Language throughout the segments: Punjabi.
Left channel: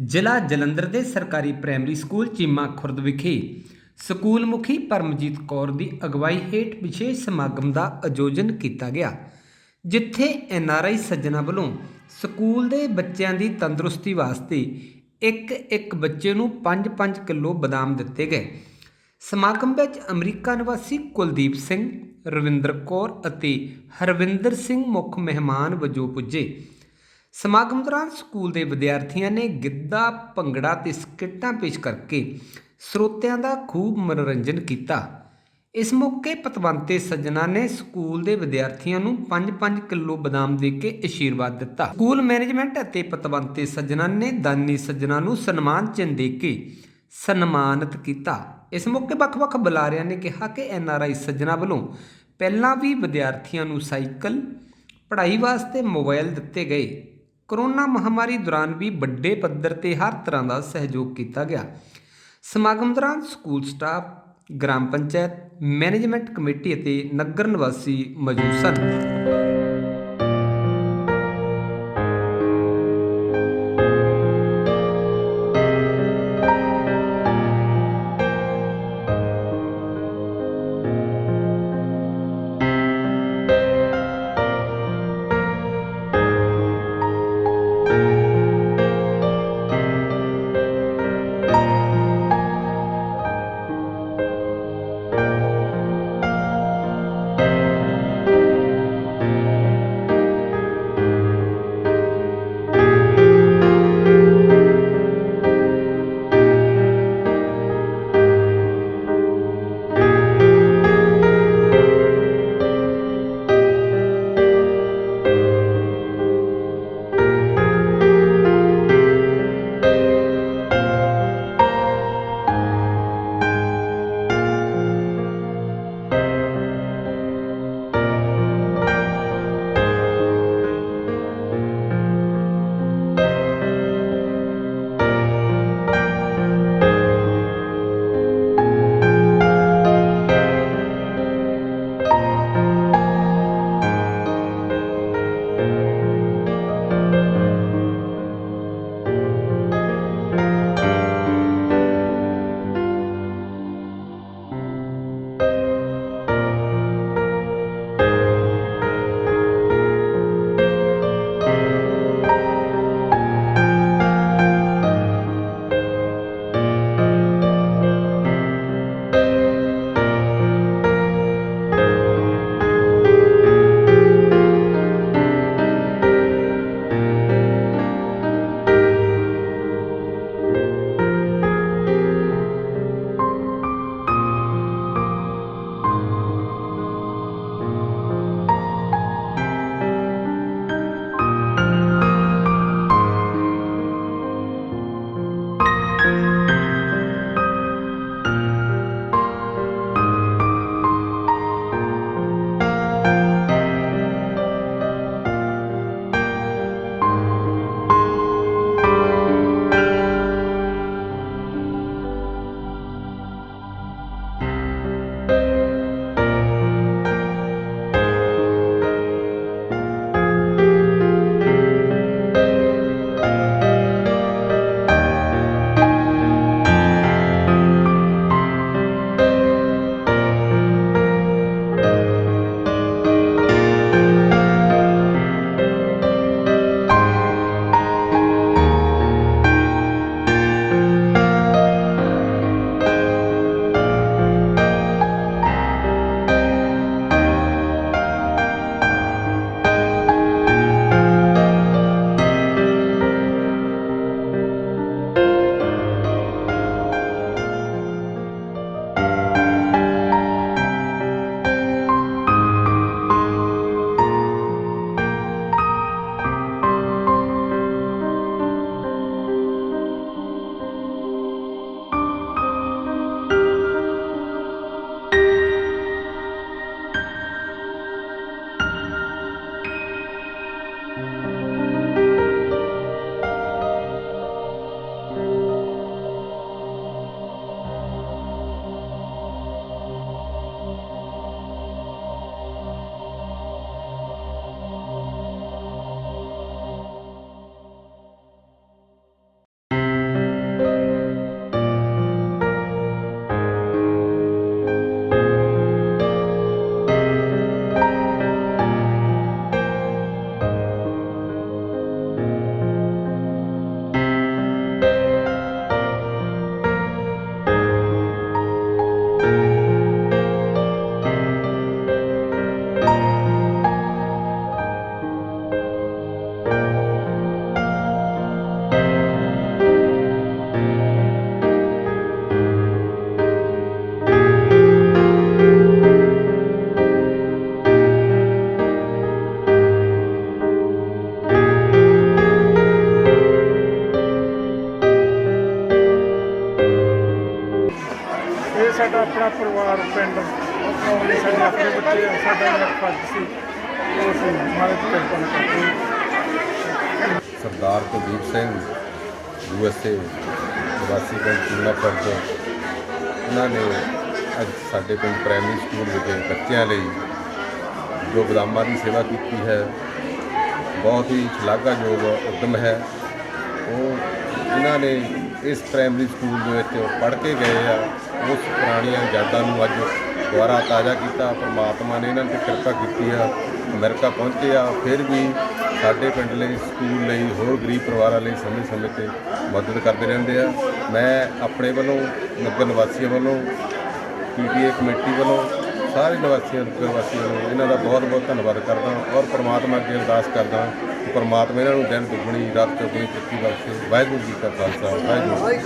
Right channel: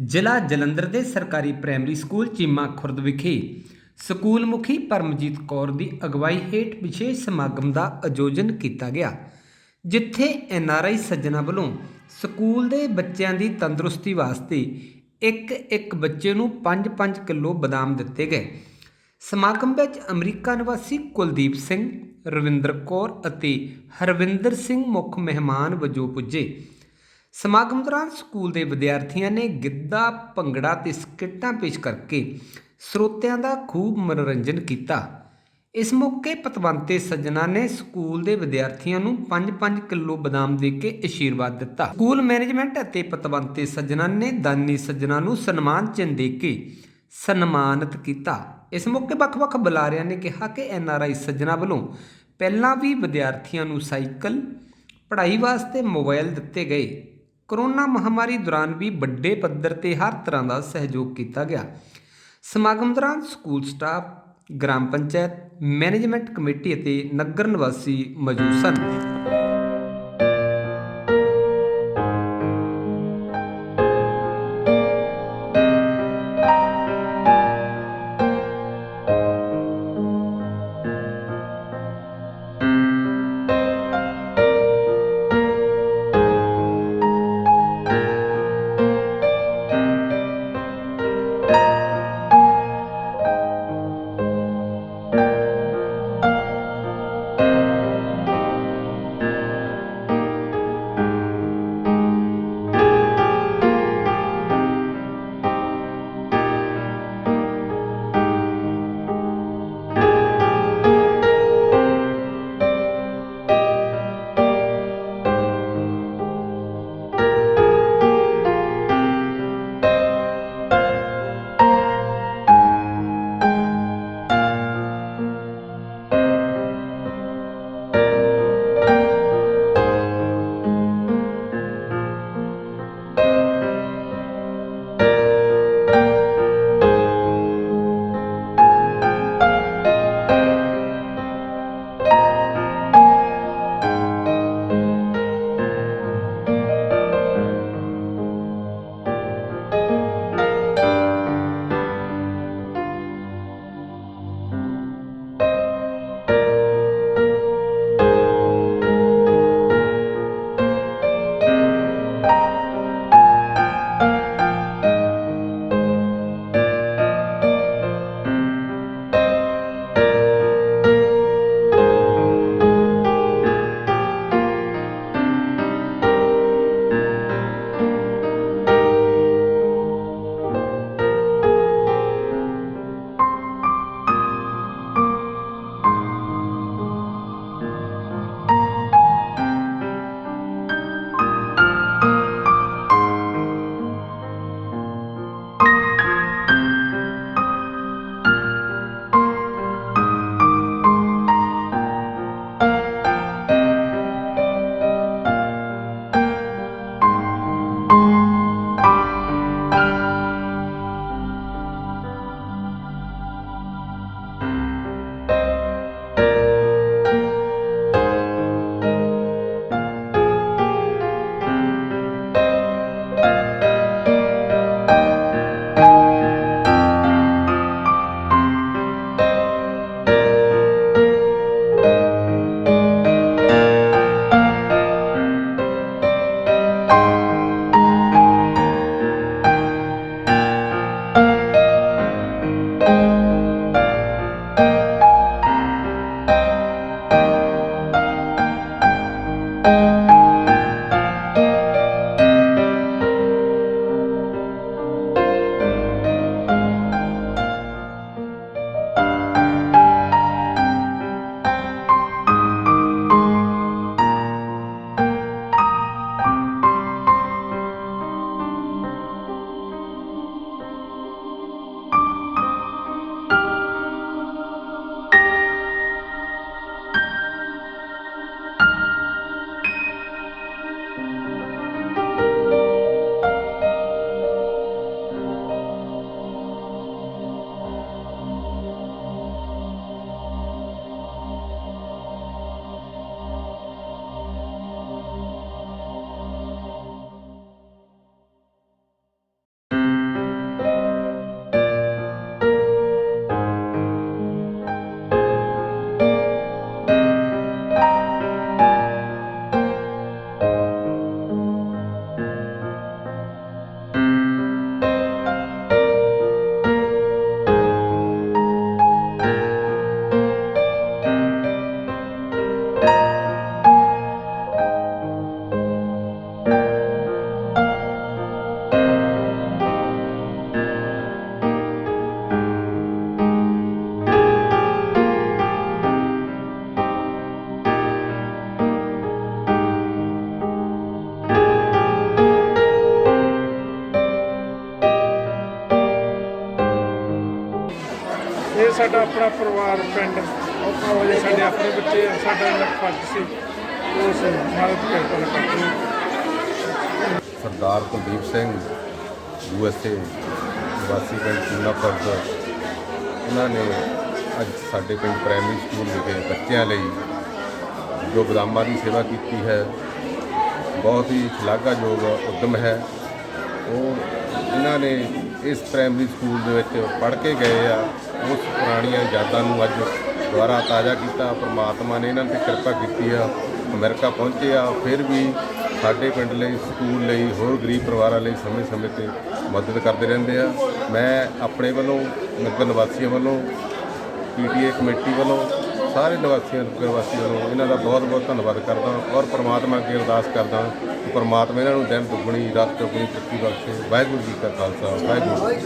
ਜ਼ਿਲ੍ਹਾ ਜਲੰਧਰ ਦੇ ਸਰਕਾਰੀ ਪ੍ਰਾਇਮਰੀ ਸਕੂਲ ਚੀਮਾ ਖੁਰਦ ਵਿਖੇ ਸਕੂਲ ਮੁਖੀ ਪਰਮਜੀਤ ਕੌਰ ਦੀ ਅਗਵਾਈ ਹੇਠ ਵਿਸ਼ੇਸ਼ ਸਮਾਗਮ ਦਾ ਆਯੋਜਨ ਕੀਤਾ ਗਿਆ, ਜਿੱਥੇ ਐਨਆਰਆਈ ਸੱਜਣਾ ਵੱਲੋਂ ਸਕੂਲ ਦੇ ਬੱਚਿਆਂ ਦੀ ਤੰਦਰੁਸਤੀ ਵਾਸਤੇ ਇੱਕ ਬੱਚੇ ਨੂੰ 5-5 ਕਿਲੋ ਬਦਾਮ ਦਿੱਤੇ ਗਏ। ਸਮਾਗਮ ਵਿੱਚ ਅਮਰੀਕਾ ਨਿਵਾਸੀ ਕੁਲਦੀਪ ਸਿੰਘ, ਰਵਿੰਦਰ ਕੌਰ ਅਤੇ ਹਰਵਿੰਦਰ ਸਿੰਘ ਮੁੱਖ ਮਹਿਮਾਨ ਵਜੋਂ ਪੁੱਜੇ। ਸਮਾਗਮ ਦੌਰਾਨ ਸਕੂਲ ਦੇ ਵਿਦਿਆਰਥੀਆਂ ਨੇ ਗਿੱਧਾ, ਭੰਗੜਾ ਤੇ ਸਕਿੱਟਾਂ ਪੇਸ਼ ਕਰਕੇ ਸਰੋਤਿਆਂ ਦਾ ਖੂਬ ਮਨੋਰੰਜਨ ਕੀਤਾ। ਇਸ ਮੌਕੇ ਪਤਵੰਤੇ ਸੱਜਣਾ ਨੇ ਸਕੂਲ ਦੇ ਵਿਦਿਆਰਥੀਆਂ ਨੂੰ 5-5 ਕਿਲੋ ਬਦਾਮ ਦੇ ਕੇ ਅਸ਼ੀਰਵਾਦ ਦਿੱਤਾ। ਸਕੂਲ ਮੈਨੇਜਮੈਂਟ ਅਤੇ ਪਤਵੰਤੇ ਸੱਜਣਾ ਨੇ ਦਾਨੀ ਸੱਜਣਾ ਨੂੰ ਸਨਮਾਨ ਚਿੰਨ੍ਹ ਦੇ ਕੇ ਸਨਮਾਨਿਤ ਕੀਤਾ। ਇਸ ਮੌਕੇ ਵੱਖ-ਵੱਖ ਬੁਲਾਰਿਆਂ ਨੇ ਕਿਹਾ ਕਿ ਐਨਆਰਆਈ ਸੱਜਣਾ ਵੱਲੋਂ ਪਹਿਲਾਂ ਵੀ ਵਿਦਿਆਰਥੀਆਂ ਨੂੰ ਸਾਈਕਲ, ਪੜ੍ਹਾਈ ਵਾਸਤੇ ਮੋਬਾਈਲ ਦਿੱਤੇ ਗਏ। ਕੋਰੋਨਾ ਮਹਾਮਾਰੀ ਦੌਰਾਨ ਵੀ ਵੱਡੇ ਪੱਧਰ ਤੇ ਹਰ ਤਰ੍ਹਾਂ ਦਾ ਸਹਿਯੋਗ ਕੀਤਾ ਗਿਆ। ਸਮਾਗਮ ਦੌਰਾਨ school staff, gram panchayat, management committee ਅਤੇ ਨਗਰ ਨਿਵਾਸੀ ਮੌਜੂਦ ਸਨ। ਸਾਡਾ ਆਪਣਾ ਪਰਿਵਾਰ ਪਿੰਡ ਉਹ ਸਾਡੇ ਆਪਣੇ ਬੱਚੇ ਆ, ਸਾਡਾ ਇਹਨਾਂ ਫਰਜ਼ ਸੀ ਉਹ ਅਸੀਂ ਮਹਾਰਾਜ ਦੀ ਕਿਰਪਾ ਨਾਲ ਕਰਦੇ ਹਾਂ। ਸਰਦਾਰ ਕੁਲਦੀਪ ਸਿੰਘ USA ਨਿਵਾਸੀ ਪਿੰਡ ਚੀਮਾ ਖੁਰਦ, ਉਹਨਾਂ ਨੇ ਅੱਜ ਸਾਡੇ ਪਿੰਡ ਪ੍ਰਾਇਮਰੀ ਸਕੂਲ ਵਿਖੇ ਬੱਚਿਆਂ ਲਈ ਜੋ ਬਦਾਮਾਂ ਦੀ ਸੇਵਾ ਕੀਤੀ ਹੈ, ਬਹੁਤ ਹੀ ਸ਼ਲਾਘਾਯੋਗ ਉੱਦਮ ਹੈ। ਉਹ ਇਹਨਾਂ ਨੇ ਇਸ ਪ੍ਰਾਇਮਰੀ ਸਕੂਲ ਦੇ ਵਿੱਚ ਪੜ੍ਹ ਕੇ ਗਏ ਆ, ਉਸ ਪੁਰਾਣੀਆਂ ਯਾਦਾਂ ਨੂੰ ਅੱਜ ਦੁਬਾਰਾ ਤਾਜ਼ਾ ਕੀਤਾ। ਪਰਮਾਤਮਾ ਨੇ ਇਹਨਾਂ 'ਤੇ ਕਿਰਪਾ ਕੀਤੀ ਆ, ਅਮਰੀਕਾ ਪਹੁੰਚੇ ਆ, ਫਿਰ ਵੀ ਸਾਡੇ ਪਿੰਡ ਲਈ, ਸਕੂਲ ਲਈ, ਹੋਰ ਗਰੀਬ ਪਰਿਵਾਰਾਂ ਲਈ ਸਮੇਂ-ਸਮੇਂ 'ਤੇ ਮਦਦ ਕਰਦੇ ਰਹਿੰਦੇ ਆ। ਮੈਂ ਆਪਣੇ ਵੱਲੋਂ, ਨਗਰ ਨਿਵਾਸੀਆਂ ਵੱਲੋਂ, PTA ਕਮੇਟੀ ਵੱਲੋਂ, ਸਾਰੇ ਨਗਰ ਵਾਸੀਆਂ ਨੂੰ ਇਹਨਾਂ ਦਾ ਬਹੁਤ-ਬਹੁਤ ਧੰਨਵਾਦ ਕਰਦਾ ਔਰ ਪਰਮਾਤਮਾ ਅੱਗੇ ਅਰਦਾਸ ਕਰਦਾ ਕਿ ਪਰਮਾਤਮਾ ਇਹਨਾਂ ਨੂੰ ਦਿਨ ਦੁੱਗਣੀ ਰਾਤ ਚੌਗੁਣੀ ਤਰੱਕੀ ਬਖਸ਼ੇ। ਵਾਹਿਗੁਰੂ ਜੀ ਕਾ ਖਾਲਸਾ, ਵਾਹਿਗੁਰੂ ਜੀ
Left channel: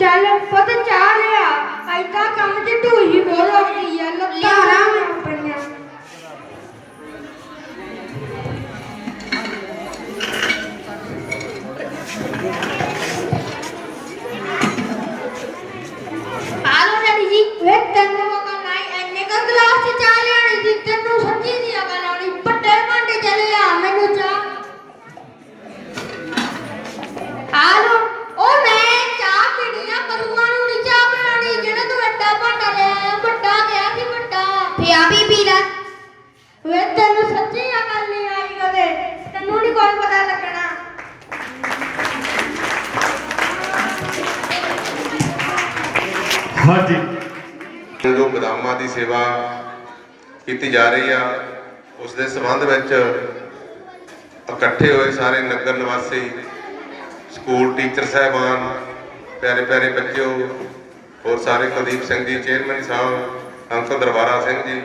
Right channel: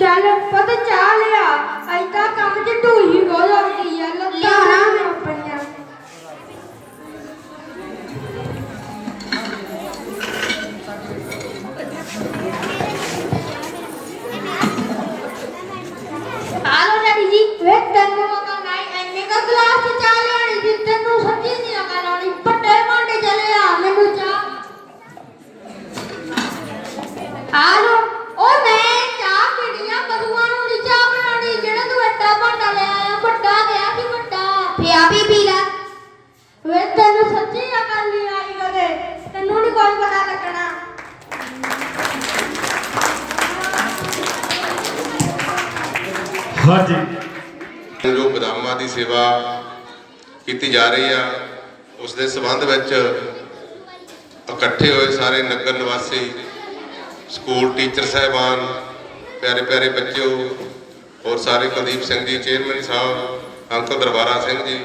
ਚੱਲ ਪੁੱਤ ਚਾਹ ਲਿਆ, ਐਦਾਂ ਕੰਮ 'ਚ ਢੂਈ ਬਹੁਤ ਲੱਗਦੀ ਆ, ਲੱਤਾਂ ਮੈਂ ਆਪਣੀਆਂ। ਆਲੋ ਡੈਡੀ ਜੀ, ਵੇ ਤੈਨੂੰ ਮੌਕਾ ਨਹੀਂ, ਐਨੇ ਕਾ ਗਲਾਸ 'ਚ ਚਾਹ ਲਿਆਣੀ ਸੀ, ਤੈਨੂੰ ਸੱਚੀ ਨਹੀਂ ਆ ਲਾਉਣੀ, ਪੱਟੇ ਭਾਂਡੇ ਚਲੇ ਆ ਮੈਨੂੰ ਚਾਹ। ਆਲੋ ਉਹ ਮੈਂ ਤੈਨੂੰ ਸੱਚੀ ਅਕਲ ਨਹੀਂ ਆਈ ਕਦੇ, ਤੈਨੂੰ ਨਹੀਂ ਕੋਈ ਪਤਾ ਲੱਗਣਾ। ਹਾਂਜੀ, ਜੋ ਬਦਾਮਾਂ ਦੀ ਸੇਵਾ ਕੀਤੀ ਜਾ ਰਹੀ ਆ, ਉਸ ਦੇ ਸੰਬੰਧ ਵਿੱਚ ਇਕੱਠੇ ਹੋਏ ਸਾਰੇ ਨਗਰ ਨਿਵਾਸੀ, ਸਕੂਲ ਟੀਚਰ ਸਾਹਿਬਾਨ, ਪਿਆਰੇ ਪਿਆਰੇ ਬੱਚਿਓ, ਔਰ ਸਾਰੇ ਕੁਲਦੀਪ ਸਿੰਘ ਜੀ ਚੇਅਰਮੈਨ ਸਾਹਿਬ, ਅੰਕਲ ਦਰਬਾਰਾ ਸਿੰਘ ਜੀ,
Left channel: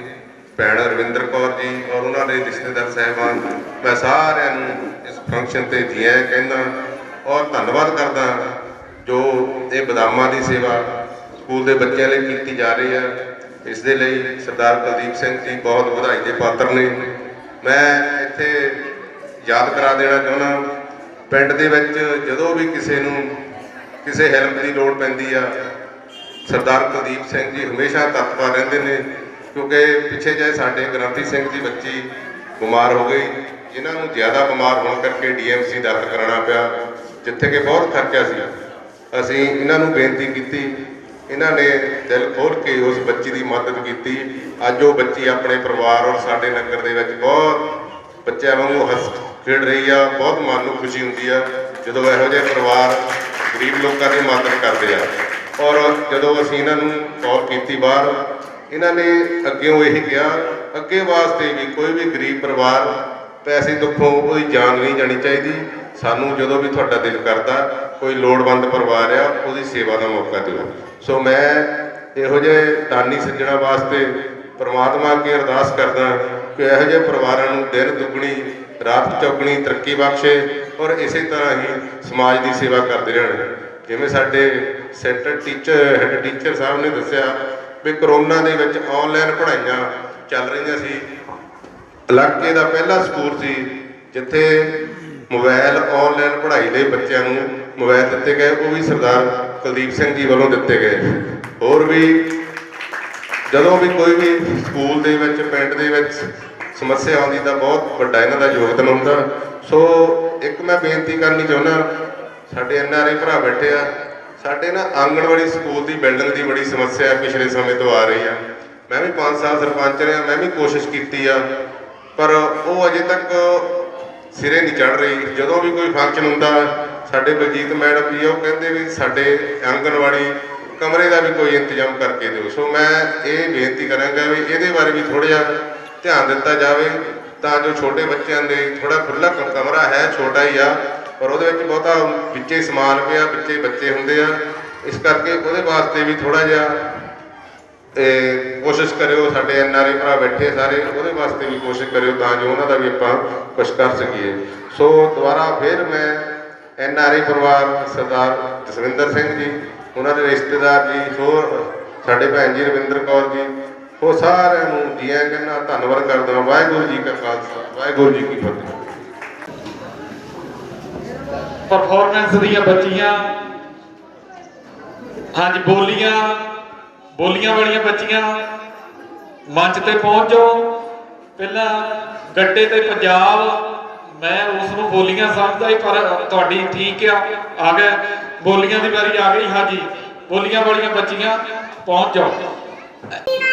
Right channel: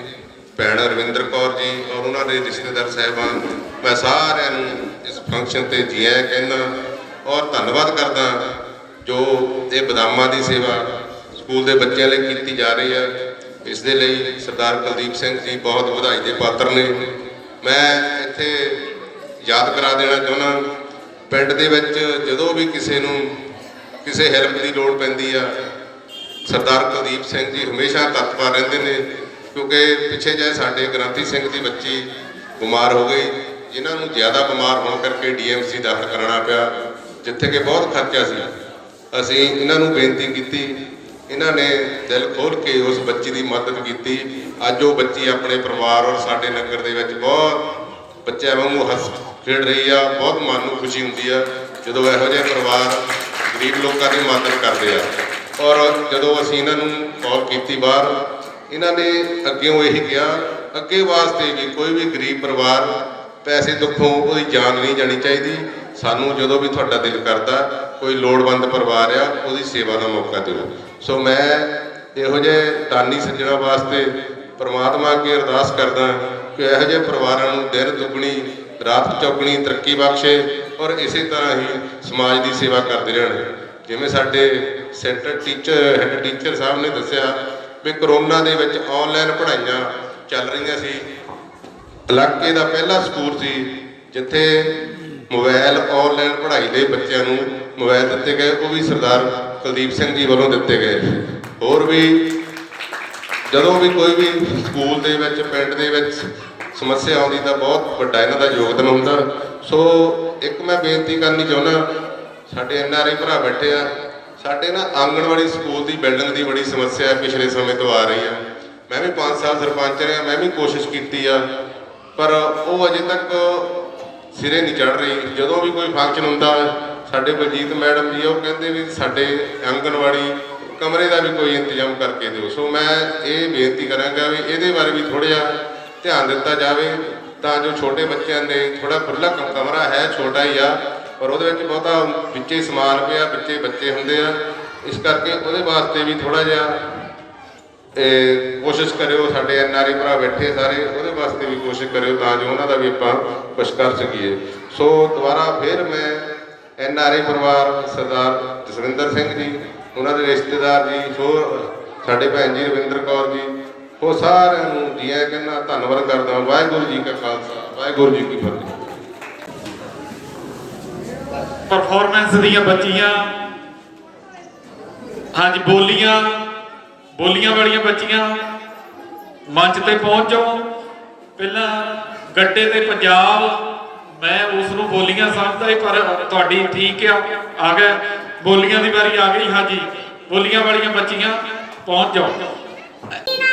ਭੈਣ ਰਵਿੰਦਰ ਕੌਰ ਜੀ ਔਰ ਉਹਨਾਂ ਦੇ ਰਿਸ਼ਤੇਦਾਰ ਸਾਹਿਬਾਨ, ਮੈਂ ਸਾਰਿਆਂ ਨੂੰ ਇਸ ਫੰਕਸ਼ਨ ਤੇ ਜੀ ਆਇਆਂ ਕਹਿੰਦਾ ਔਰ ਧੰਨਵਾਦ ਕਰਦਾ ਜੋ ਇਹ ਬਦਾਮਾਂ ਦੀ ਸੇਵਾ ਸਕੂਲ ਦੇ ਬੱਚਿਆਂ ਲਈ ਕੀਤੀ ਜਾ ਰਹੀ ਹੈ। ਇਸ ਦੇ ਲਈ ਸਰਦਾਰ ਕੁਲਦੀਪ ਸਿੰਘ ਜੀ ਬਹੁਤ ਵਧਾਈ ਦੇ ਪਾਤਰ ਨੇ। ਮੈਂ ਇੱਥੇ ਯਾਦ ਕਰਾ ਦੇਣਾ ਚਾਹੁੰਦਾ, ਪਿੰਡ ਦੇ ਵਿੱਚ ਜਦੋਂ ਵੀ ਕਿਸੇ ਨੂੰ ਕਿਸੇ ਹੈਲਪ ਦੀ ਲੋੜ ਪੈਂਦੀ ਆ, ਸਰਦਾਰ ਕੁਲਦੀਪ ਸਿੰਘ ਜੀ ਹਮੇਸ਼ਾ ਤਤਪਰ ਰਹਿੰਦੇ ਨੇ। ਕਿਉਂਕਿ ਪਿੱਛੇ ਜਿਹੇ ਸਾਡੇ ਗ੍ਰੰਥੀ ਸਿੰਘ ਦੀ ਬੱਚੀ ਬਿਮਾਰ ਹੋ ਗਈ, ਜਿਨ੍ਹਾਂ ਨੂੰ ਜ਼ਿਆਦਾ ਬਿਮਾਰ ਹੋਣ ਕਰਕੇ ਡੀਐਮਸੀ ਦਾਖਲ ਕਰਾਉਣਾ ਪਿਆ, ਜਿੱਥੇ ਕਿ ਬਹੁਤ ਖਰਚਾ ਸੀ। ਅਸੀਂ ਇਹਨਾਂ ਨੂੰ ਬੇਨਤੀ ਕੀਤੀ, ਇਹਨਾਂ ਨੇ ਦਿਲ ਖੋਲ੍ਹ ਕੇ ਉਸ ਬੱਚੀ ਦੀ ਮਦਦ ਕੀਤੀ। ਅੱਜ ਉਹ ਬੱਚੀ ਆਪਣੇ ਪਰਿਵਾਰ ਔਰ ਸਾਡੇ ਨਗਰ ਦੇ ਵਿੱਚ ਬਹੁਤ ਬੱਚਿਆਂ ਵਾਂਗੂ ਹੱਸ ਖੇਡ ਰਹੀ ਆ। ਬਹੁਤ ਮਨ ਨੂੰ ਖੁਸ਼ੀ ਹੁੰਦੀ ਆ ਜਦੋਂ ਇਹੋ ਜਿਹੇ ਪਰਿਵਾਰ ਗਰੀਬ ਲੋਕਾਂ ਦੀ ਮਦਦ ਕਰਦੇ ਆ। ਔਰ ਜਦੋਂ ਅਸੀਂ ਇਹਨਾਂ ਨੂੰ ਕਾਲ ਕੀਤੀ ਬਾਹਰ, ਇਹਨਾਂ ਨੇ ਅੱਗਿਓਂ ਇਹੀ ਕਿਹਾ, ਅੱਗੇ ਵਾਸਤੇ ਵੀ ਕੋਈ ਵੀ ਗਰੀਬ ਪਰਿਵਾਰ ਪੈਸੇ ਦੁੱਖੋਂ ਉਹਦੀ ਜਾਨ ਨਹੀਂ ਜਾਣੀ ਚਾਹੀਦੀ। ਸਾਨੂੰ ਜਦੋਂ ਵੀ ਤੁਹਾਡਾ ਦਿਲ ਕਰਦਾ, ਕੋਈ ਲੋੜਵੰਦ ਪਰਿਵਾਰ ਆ, ਉਹਦੀ ਸੇਵਾ ਦਾ ਮੌਕਾ ਦਿਓ। ਸੋ ਮੈਂ ਇਹੋ ਜਿਹੇ ਦਾਨੀ ਸੱਜਣਾ ਵਾਸਤੇ ਪਰਮਾਤਮਾ ਅੱਗੇ ਅਰਦਾਸ ਕਰਦਾ ਕਿ ਇਹੋ ਜਿਹੇ ਪਰਿਵਾਰਾਂ ਨੂੰ ਦਿਨ ਦੁੱਗਣੀ ਰਾਤ ਚੌਗਣੀ ਤਰੱਕੀ ਬਖਸ਼ੇ ਔਰ ਇਸੇ ਤਰ੍ਹਾਂ ਹੀ ਸਮਾਜ ਦੀ ਸੇਵਾ ਕਰਦੇ ਰਹਿਣ। ਜਿਵੇਂ ਸਾਡੇ ਸੈਂਟਰ ਹੈੱਡ ਟੀਚਰ ਸਾਹਿਬ ਨੇ ਦੱਸਿਆ ਵੀ ਕਰੋਨਾ ਦੇ ਵਿੱਚ ਆਨਲਾਈਨ ਪੜ੍ਹਾਈਆਂ ਚੱਲ ਰਹੀਆਂ ਸੀ। ਇਲਾਕੇ ਦਾ ਪਹਿਲਾ ਸਕੂਲ ਸੀ ਜਿੱਥੇ ਮੋਬਾਈਲ ਆਨਲਾਈਨ ਪੜ੍ਹਾਈ ਲਈ ਬੱਚਿਆਂ ਨੂੰ ਮੋਬਾਈਲ ਦਿੱਤੇ ਗਏ, ਉਹ ਵੀ ਸਰਦਾਰ ਕੁਲਦੀਪ ਸਿੰਘ ਜੀ ਵੱਲੋਂ ਦਿੱਤੇ ਗਏ। ਹੋਰ ਵੀ ਜਦੋਂ ਵੀ ਕੋਈ ਵੀ ਸਕੂਲ ਦੇ ਵਿੱਚ ਪਿੰਡ ਦੇ ਵਿੱਚ ਸਮੱਸਿਆ ਆਉਂਦੀ ਤਾਂ ਬਹੁਤ ਵੱਡਾ ਇਹਨਾਂ ਦਾ ਯੋਗਦਾਨ ਹੁੰਦਾ। ਸੋ ਇੱਕ ਮੈਂ ਬੇਨਤੀ ਕਰਨੀ ਚਾਹੁੰਦਾ, ਸਾਡੇ NRI ਭਰਾ ਬੈਠੇ ਆ, ਸਾਡੇ ਨਾ ਆਂਗਣਵਾੜੀ ਸਕੂਲ ਦੀ ਬਿਲਡਿੰਗ ਦੀ ਬੜੀ ਸਮੱਸਿਆ ਪਿਛਲੇ ਸਮੇਂ ਤੋਂ ਆ ਰਹੀ ਆ। ਮੈਂ ਵੀ 5 ਸਾਲ ਸਰਪੰਚ ਰਿਹਾ, ਮੈਂ ਵੀ ਕੋਸ਼ਿਸ਼ ਕੀਤੀ ਆ, ਪਰ ਉਹ ਅਜੇ ਤੱਕ ਸਿਰੇ ਨਹੀਂ ਚੜ੍ਹ ਰਹੀ। ਜਦੋਂ ਵੀ ਕੋਈ ਫੰਕਸ਼ਨ ਹੁੰਦਾ, ਸਾਡੇ ਬਲਜੀਤ ਮੈਡਮ ਵੀ ਉਹ ਕਹਿੰਦੇ ਵੀ ਸਾਡੇ ਆਂਗਣਵਾੜੀ ਕਮਰੇ ਦਾ ਵੀ ਕੋਈ ਇੰਤਜ਼ਾਮ ਕਰਕੇ ਦਿਓ। ਸੋ ਮੈਂ ਇਹ ਬੇਨਤੀ ਕਰਾਂਗਾ ਵੀ ਇਹਦੇ ਬਾਰੇ ਵੀ ਥੋੜ੍ਹਾ ਜਿਹਾ ਧਿਆਨ ਦਿੱਤਾ ਜਾਵੇ, ਤਾਂ ਜੋ ਛੋਟੇ ਬੱਚਿਆਂ ਦੇ ਥੋੜ੍ਹਾ ਖੁੱਲ੍ਹਾ ਕਮਰਾ ਹੈ, ਛੋਟਾ ਹੀ ਆ, ਪਰ ਉਹਦੇ ਵਿੱਚ ਬਹੁਤਾ ਵਿੱਚੇ ਸਮਾਨ ਪਿਆ, ਵਿੱਚੇ ਬੱਚੇ ਹੁੰਦੇ ਆ। ਇਸ ਕਰਕੇ ਉਹਦੇ ਵਾਸਤੇ ਵੀ ਥੋੜ੍ਹਾ ਜਿਹਾ ਕੋਸ਼ਿਸ਼ ਕਰਿਓ। ਸਾਡੇ NRI ਭਰਾ ਬੈਠੇ ਸਾਰੇ, ਉਹਦੇ ਵਾਸਤੇ ਵੀ ਕੋਸ਼ਿਸ਼ ਕਰਿਓ ਤਾਂ ਜੋ ਉਹਨਾਂ ਦਾ ਵੀ ਆਪਾਂ ਕੁਛ ਕਰ ਸਕੀਏ। ਸੋ ਦੁਬਾਰਾ ਫਿਰ ਮੈਂ NRI ਪਰਿਵਾਰ ਸਰਦਾਰ ਜਸਵਿੰਦਰ ਸਿੰਘ ਜੀ, ਉਹਨਾਂ ਦੇ ਰਿਸ਼ਤੇਦਾਰ ਜੀ, ਹੋਰ ਸਾਡੇ ਭੈਣ ਜੀ ਰਵਿੰਦਰ ਕੌਰ ਜੀ, ਉਹ ਸਾਰਿਆਂ ਨੂੰ ਜੀ ਆਇਆਂ ਕਹਿੰਦਾ, ਧੰਨਵਾਦ ਕਰਦਾ। ਵਾਹਿਗੁਰੂ ਜੀ ਕਾ ਖਾਲਸਾ, ਵਾਹਿਗੁਰੂ ਜੀ ਕੀ ਫਤਿਹ। ਪਰਫਾਰਮੈਂਸ ਦੀਆਂ ਬੱਚੀਆਂ, ਹਾਂਜੀ ਬੋਲੀਆਂ ਵਾਲੀਆਂ ਬੱਚੀਆਂ ਮੰਚ ਤੇ ਪਹੁੰਚ ਜਾਓ। ਪਹਿਲਾਂ ਗੱਡੇ ਤੇ ਪੰਜਾਬ, ਮੈਂ ਉਸ ਨੂੰ ਬੋਲੀਆਂ ਸਮਝਦਾ ਸੀ, ਪਰ ਤੁਹਾਡੀ ਠੀਕ ਆ ਗਿਆ, ਬੋਲੀਆਂ ਦੀ ਵਾਰੀ ਆ ਗਈ। ਹਾਂਜੀ, ਬੋਲੀਆਂ ਵਾਲੀਆਂ ਬੱਚੀਆਂ ਪਹੁੰਚ ਜਾਓ। ਤੇਰਾ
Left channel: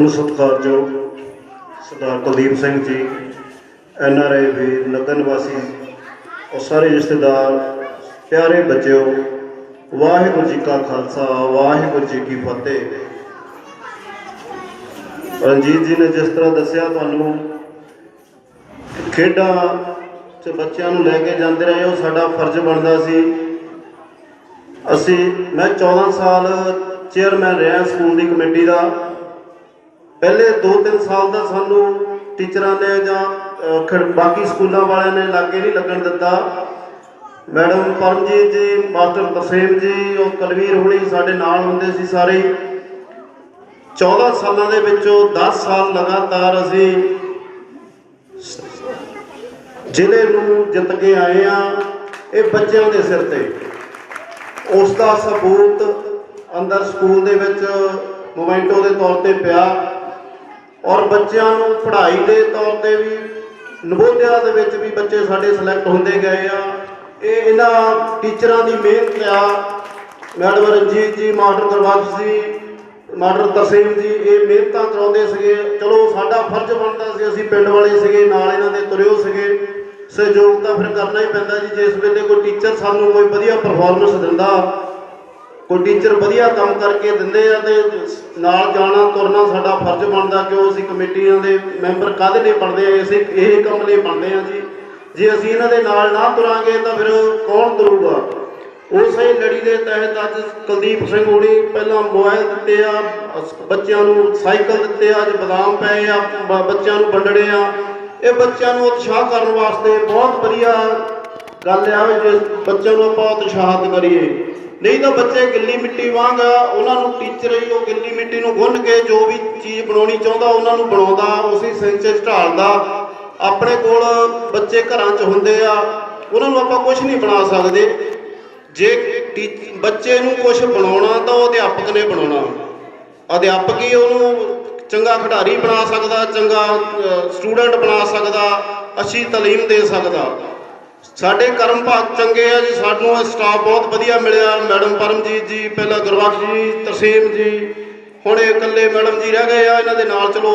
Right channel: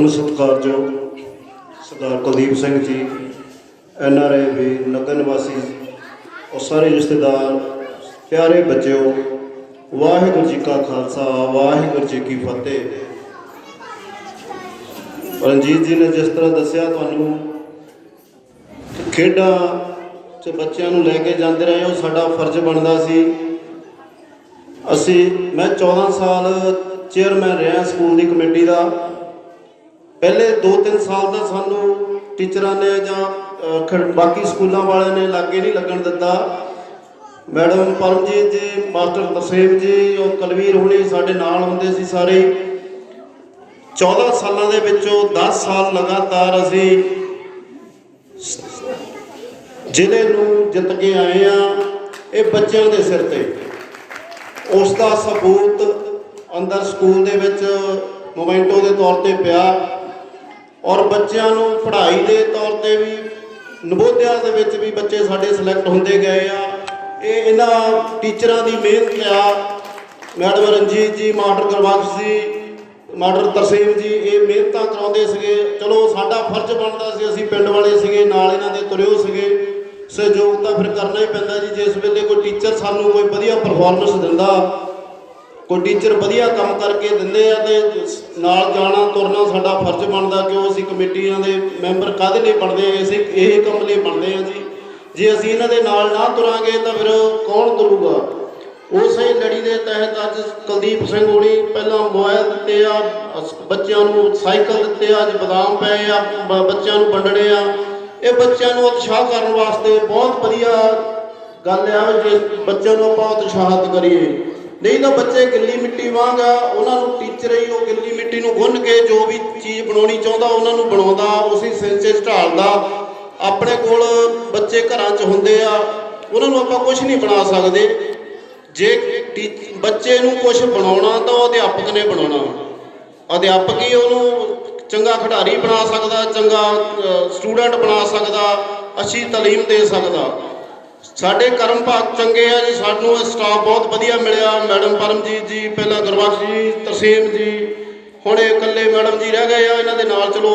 ਪਰਮ ਸਤਿਕਾਰਯੋਗ ਸਰਦਾਰ ਕੁਲਦੀਪ ਸਿੰਘ ਜੀ, NRI ਵੀਰ, ਨਗਰ ਨਿਵਾਸੀ ਔਰ ਸਾਰੇ ਰਿਸ਼ਤੇਦਾਰ, ਪਿਆਰੇ ਬੱਚਿਓ, ਵਾਹਿਗੁਰੂ ਜੀ ਕਾ ਖਾਲਸਾ, ਵਾਹਿਗੁਰੂ ਜੀ ਕੀ ਫਤਿਹ। ਰਣਜੀਤ ਜੀ ਨੇ ਜਿਸ ਤਰ੍ਹਾਂ ਦੱਸਿਆ ਤੁਹਾਨੂੰ ਕਿ ਖੇਡਾਂ 'ਚ ਬੱਚਿਆਂ ਨੂੰ ਲੈ ਕੇ ਜਾਂਦੇ ਰਹੇ, ਉਹ ਸਾਡਾ ਫਰਜ਼ ਬਣਦਾ ਸੀ। ਮੈਂ 14 ਸਾਲ ਚੇਅਰਮੈਨ ਰਿਹਾ ਸਕੂਲ ਦੀ ਕਮੇਟੀ ਦਾ। ਪਹਿਲੇ 2-3 ਸਾਲ ਦਾ ਸਾਨੂੰ ਟੀਚਰਾਂ ਨੇ ਜਾਂ ਬਾਕੀ ਸਕੂਲਾਂ ਵਾਲਿਆਂ ਨੇ ਲਾਗੇ ਨਹੀਂ ਲੱਗਣ ਦਿੱਤਾ। ਮੈਡਮ ਪਰਮਜੀਤ ਜੀ, ਮਾਸਟਰ ਤਰਸੇਮ ਜੀ, ਉਹ ਕੁਲਵੀਰ ਹੋਣੀ ਸਾਡੇ ਨਾਲ ਹੁੰਦੇ ਸੀ ਸਾਰੇ। 14 ਸਾਲਾਂ ਦੇ ਵਿੱਚੋਂ 10 ਸਾਲ ਲਗਾਤਾਰ ਅਸੀਂ ਜ਼ਿਲ੍ਹੇ ਨੂੰ ਜਿੱਤ ਕੇ ਆਏ ਆ। ਇਹ ਬੱਚਿਆਂ ਦੇ ਸਿਰ ਤੇ ਉਸ ਦਾ ਸਬੂਤ ਅੰਦਰ ਸਕੂਲ ਦੇ ਵਿੱਚ ਮੋਮੈਂਟੋ ਦੇ ਤੌਰ ਤੇ ਪਿਆ, ਔਰ ਬੱਚਿਆਂ ਨੂੰ ਪੜ੍ਹਾਈ ਦੇ ਤੌਰ ਤੇ ਵੀ ਨਵੋਦਿਆ ਦੇ ਵਿੱਚ ਵੀ ਬੱਚੇ ਸਾਡੇ ਸਿਲੈਕਟ ਹੁੰਦੇ ਗਏ ਆ। ਇਹ ਇਹਨਾਂ ਟੀਚਰਾਂ ਦੀ ਮਿਹਨਤ ਆ। ਮੈਡਮ ਰਣਜੀਤ ਜੀ, ਮਾਸਟਰ ਗੁਰਬਖਸ਼ ਜੀ, ਮਾਸਟਰ ਤਰਸੇਮ ਜੀ, ਇਹ ਮਿਹਨਤਾਂ ਕਰਾਉਂਦੇ ਸੀਗੇ। ਚਲੋ ਸਾਡਾ ਫਰਜ਼ ਬਣਦਾ ਸੀ, ਅਸੀਂ ਪਿੰਡ ਵਾਲੇ ਸੀਗੇ, ਨਾਲ ਇਹਨਾਂ ਦੇ ਤੁਰਿਓ ਸੀਗੇ। ਸਹਿਯੋਗ ਤਾਂ ਫਿਰ ਕਰਨਾ ਹੀ ਪੈਂਦਾ ਜੀ। ਜਿਸ ਵੇਲੇ ਕੋਈ ਟੀਚਰ ਸਾਨੂੰ ਕੋਈ ਵਧੀਆ ਪਰਫਾਰਮੈਂਸ ਦਿੰਦਾ, ਕੋਈ ਟੀਚਰ ਵਧੀਆ ਕੰਮ ਕਰਕੇ ਦਿੰਦੇ ਆ, ਤੇ ਨਾਲ ਜਾਣਾ ਤੁਰਨਾ ਸਾਡਾ ਫਰਜ਼ ਬਣਦਾ। ਕਿਉਂ ਅਸੀਂ ਕਮੇਟੀਆਂ ਦੇ ਮੈਂਬਰ ਕਾਹਦੇ ਲਈ ਬਣਦੇ ਆ? ਅਸੀਂ ਇਹ ਕੰਮ ਲਈ ਬਣਦੇ ਆ ਜੀ। ਜੇ ਅਸੀਂ ਇਹਨਾਂ ਦੇ ਨਾਲ ਨਾ ਤੁਰਾਂਗੇ ਤਾਂ ਫਿਰ ਕੌਣ ਤੁਰੂਗਾ? ਉਸੇ ਲੜੀ ਦੇ ਤਹਿਤ ਅੱਜ ਕੁਲਦੀਪ ਸਿੰਘ ਹੋਣੀ ਪਹਿਲਾਂ ਮੋਬਾਈਲ ਦਿੱਤੇ ਆ, ਬੱਚਿਆਂ ਨੂੰ ਸਾਈਕਲ ਦਿੱਤੇ ਆ, ਅੱਜ ਬਦਾਮ ਪਏ ਆ, ਬੱਚਿਆਂ ਨੂੰ ਵੰਡਣੇ ਆ। ਇਹ ਬੱਚਿਆਂ ਨੂੰ ਉਤਸ਼ਾਹ ਕਰਨ ਵਾਸਤੇ ਬਹੁਤ ਵਧੀਆ ਗੱਲ ਆ। ਜੇ ਬੱਚਿਆਂ ਨੂੰ ਆਪਾਂ ਉਤਸ਼ਾਹਿਤ ਕਰੀਏ, ਨਹੀਂ ਤਾਂ ਬੱਚੇ ਗਿੱਲੀ ਮਿੱਟੀ ਵਾਂਗ ਆ। ਉਹਨਾਂ ਨੂੰ ਟੀਚਰ ਹੀ ਉਹ ਗਿੱਲੀ ਮਿੱਟੀ ਨੂੰ ਗੁੰਨ ਕੇ ਜੋ ਵੀ ਚੀਜ਼ ਬਣਾਉਣੀ ਚਾਹੁੰਦਾ ਉਹਨਾਂ ਨੂੰ ਬਣਾਉਂਦਾ, ਉਸੇ ਸਿੰਚ 'ਚ ਢਾਲਦਾ। ਆਪਣੇ ਕੋਲ ਬੱਚੇ ਘਰਾਂ 'ਚ ਹੁੰਦੇ ਆ, ਉਹਨਾਂ ਨੂੰ ਆਪਾਂ ਕੁਝ ਨਹੀਂ ਬਣਾ ਸਕਦੇ। ਜੇ ਬੱਚੇ ਨੂੰ ਕੁਝ ਬਣਾਉਣਾ ਤਾਂ ਉਹ ਅਧਿਆਪਕ ਨੇ ਬਣਾਉਣਾ। ਅਧਿਆਪਕ ਹੀ ਉਹਨੂੰ ਚੰਗਾ ਖਿਡਾਰੀ ਬਣਾ ਸਕਦਾ, ਚੰਗਾ ਸਟੂਡੈਂਟ ਬਣਾ ਸਕਦਾ, ਅੱਛੀ ਤਾਲੀਮ ਦੇ ਸਕਦਾ। ਸਾਡੇ ਕਰਮ ਭਾਗ ਚੰਗੇ ਆ ਜੀ, ਸਾਨੂੰ ਸਟਾਫ ਬਹੁਤ ਵਧੀਆ ਮਿਲਿਆ। ਮੈਡਮ ਪਰਮਜੀਤ ਜੀ, ਪਹਿਲਾਂ ਗੁਰਬਖਸ਼ ਜੀ, ਤਰਸੇਮ ਜੀ, ਹੁਣ ਇਹ ਇਕੱਲੇ ਮੈਡਮ ਜੀ ਰਹਿ ਗਏ ਆ। ਇਹਨਾਂ ਦੇ ਨਾਲ ਚਲੋ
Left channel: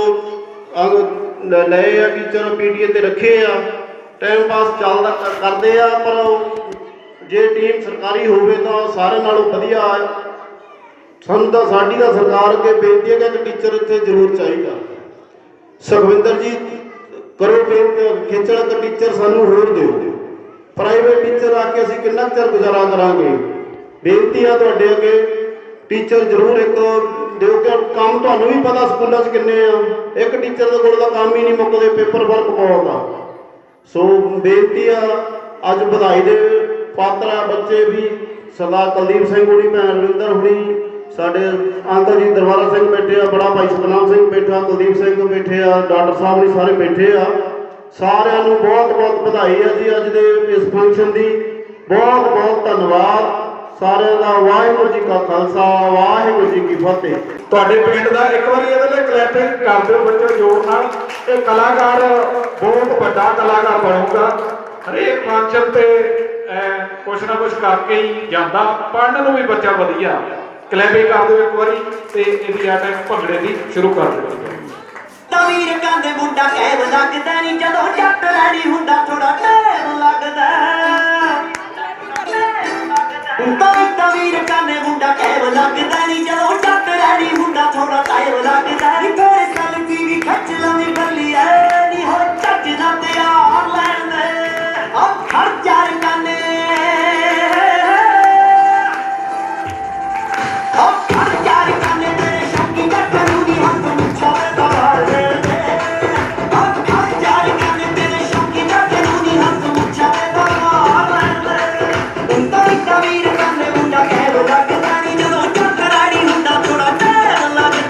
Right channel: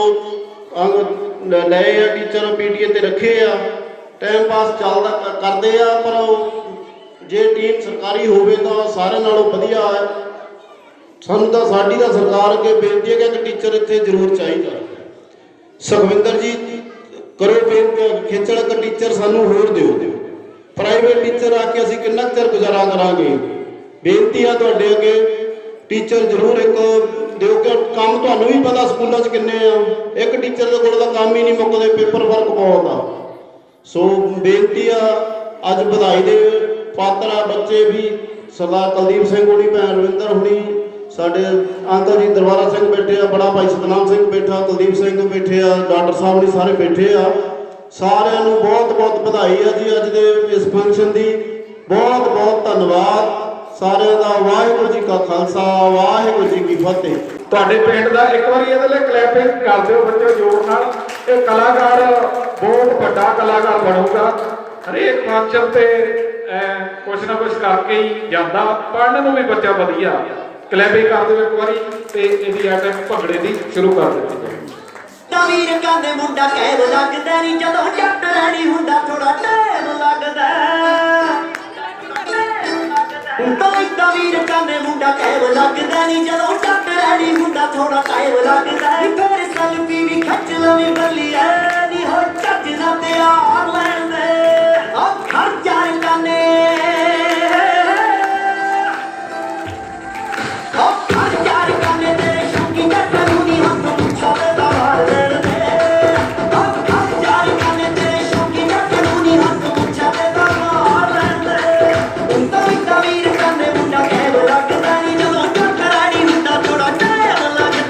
ਲਏ ਆ ਟੀਚਰ, PTA ਤੇ ਰੱਖੇ ਆ, ਟਾਈਮ ਪਾਸ ਚੱਲਦਾ ਕਰਦੇ ਆ। ਪਰ ਜੇ ਟੀਮ ਸਰਕਾਰੀ ਹੋਵੇ ਤਾਂ ਸਾਰਿਆਂ ਨਾਲੋਂ ਵਧੀਆ ਹੈ। ਸਾਨੂੰ ਤਾਂ ਸਾਡੀ ਤਾਂ ਸਰਕਾਰ ਅੱਗੇ ਬੇਨਤੀ ਹੈ ਕਿ ਇੱਕ ਟੀਚਰ ਇੱਥੇ ਜ਼ਰੂਰ ਚਾਹੀਦਾ। ਸੁਖਵਿੰਦਰ ਜੀ ਕਰੋ ਬੇਨਤੀ, ਖਿੱਚਣ ਇੱਕ ਟੀਚਰ ਸਾਨੂੰ ਹੋਰ ਦਿਓ। ਪ੍ਰਾਈਵੇਟ ਟੀਚਰ ਆ ਕੇ ਅਸੀਂ ਕਿੰਨਾ ਚਿਰ ਗੁਜ਼ਾਰਾ ਕਰਾਂਗੇ? ਬੇਨਤੀ ਆ ਤੁਹਾਡੇ ਅੱਗੇ, ਟੀਚਰ ਜ਼ਰੂਰ ਇੱਕ ਦਿਓ। ਕਿ ਕੰਮ ਤੁਹਾਨੂੰ ਵੀ ਪਤਾ ਸਕੂਲਾਂ 'ਚ ਕਿੰਨੇ ਆ, ਇੱਕ ਟੀਚਰ ਦੇ ਕੋਲ ਤਾਂ ਕੰਮ ਹੀ ਨਹੀਂ ਮੁੱਕਦੇ, ਪੇਪਰ ਵਰਕ ਬਹੁਤ ਆ। ਸੋ ਬੇਨਤੀ ਆ, ਅੱਜ ਵਧਾਈ ਦੇ ਪਾਤਰ ਆ ਬੱਚੇ ਵੀ। ਸਰਦਾਰ ਕੁਲਦੀਪ ਸਿੰਘ ਹੋਣੀ, ਭੈਣ ਰਵਿੰਦਰ ਹੋਣੀ, ਸਾਡੇ ਅੰਕਲ ਜੀ ਦਰਬਾਰਾ ਸਿੰਘ ਬੈਠੇ ਆ, ਬੜਾ ਭਾਈ ਸਤਨਾਮ ਸਿੰਘ ਬੈਠਾ, ਕੁਲਦੀਪ ਸਿੰਘ ਬੈਠੇ ਆ, ਡਾਕਟਰ ਸਾਹਿਬ ਵੀ ਸਾਰੇ ਬੈਠੇ ਆ। ਸਾਰਿਆਂ ਨੂੰ ਬਹੁਤ ਬਹੁਤ ਵਧਾਈ ਆ ਜੀ ਅੱਜ ਦੇ ਇਸ ਫੰਕਸ਼ਨ ਦੀ। ਬਹੁਤ ਬਹੁਤ ਧੰਨਵਾਦ ਸਾਰਿਆਂ ਦਾ। ਵਾਹਿਗੁਰੂ ਜੀ ਕਾ ਖਾਲਸਾ, ਵਾਹਿਗੁਰੂ ਜੀ ਕੀ ਫਤਿਹ। ਤੁਹਾਡੇ ਪਿੰਡ ਦਾ ਇੱਕ ਵਾਰੀ ਇਹਦੇ ਲਈ ਕਲੈਪਿੰਗ ਕਰ ਦਿਓ ਬੱਚੇ ਜੋਰ ਨਾਲ। ਇਹ ਕਲਾਕਾਰ ਬਹੁਤ ਵੱਡਾ ਕਲਾਕਾਰ ਬਣੂਗਾ। ਹਰੇਕ ਫੰਕਸ਼ਨ ਤੇ ਕੁਛ ਨਾ ਕੁਛ ਕਰਕੇ ਹੀ ਜਾਂਦਾ। ਪੜ੍ਹਨ ਨੂੰ ਵੀ ਬੱਚਾ ਵਧੀਆ। ਕਲੈਪਿੰਗ ਕਰ ਦਿਓ ਇੱਕ ਵਾਰੀ ਤੇ ਇਹਦੀ ਐਟੈਕ ਭੰਗੜੇ ਦੀ ਸ਼ੁਰੂ ਕਰ ਦਿਓ। ਵੀਰ ਕਹਿੰਦੇ ਮੁੰਡਾ ਕਹਿ ਲੱਗਦਾ ਨਹੀਂ, ਜਦੋਂ ਜੱਟ ਲੈਣੀ ਹੁੰਦਾ ਥੋੜਾ ਟਾਈਮ ਲੱਗਦਾ। ਵੀਰ ਕਹਿੰਦੇ ਮੁੰਡਾ ਕਹਿ ਲੱਗਦਾ ਨਹੀਂ, ਜਦੋਂ ਜੱਟ ਲੈਣੀ ਹੁੰਦਾ ਥੋੜਾ ਟਾਈਮ ਲੱਗਦਾ। ਫਿਰ ਸੈਲਫੀ ਵੀ ਖਿੱਚ ਲਵੇ ਬੱਲੀਏ ਨੀ, ਹੋ ਚੱਜ ਨਾ ਤੇ ਆ ਲੈਂਦੇ ਉਹ ਖਰਚਾ ਕਹਿੰਦੇ। ਵੀਰ ਕਹਿੰਦੇ ਮੁੰਡਾ ਕਹਿ ਲੱਗਦਾ ਨਹੀਂ, ਜਦੋਂ ਜੱਟ ਲੈਣੀ ਹੁੰਦਾ ਥੋੜਾ ਟਾਈਮ ਲੱਗਦਾ।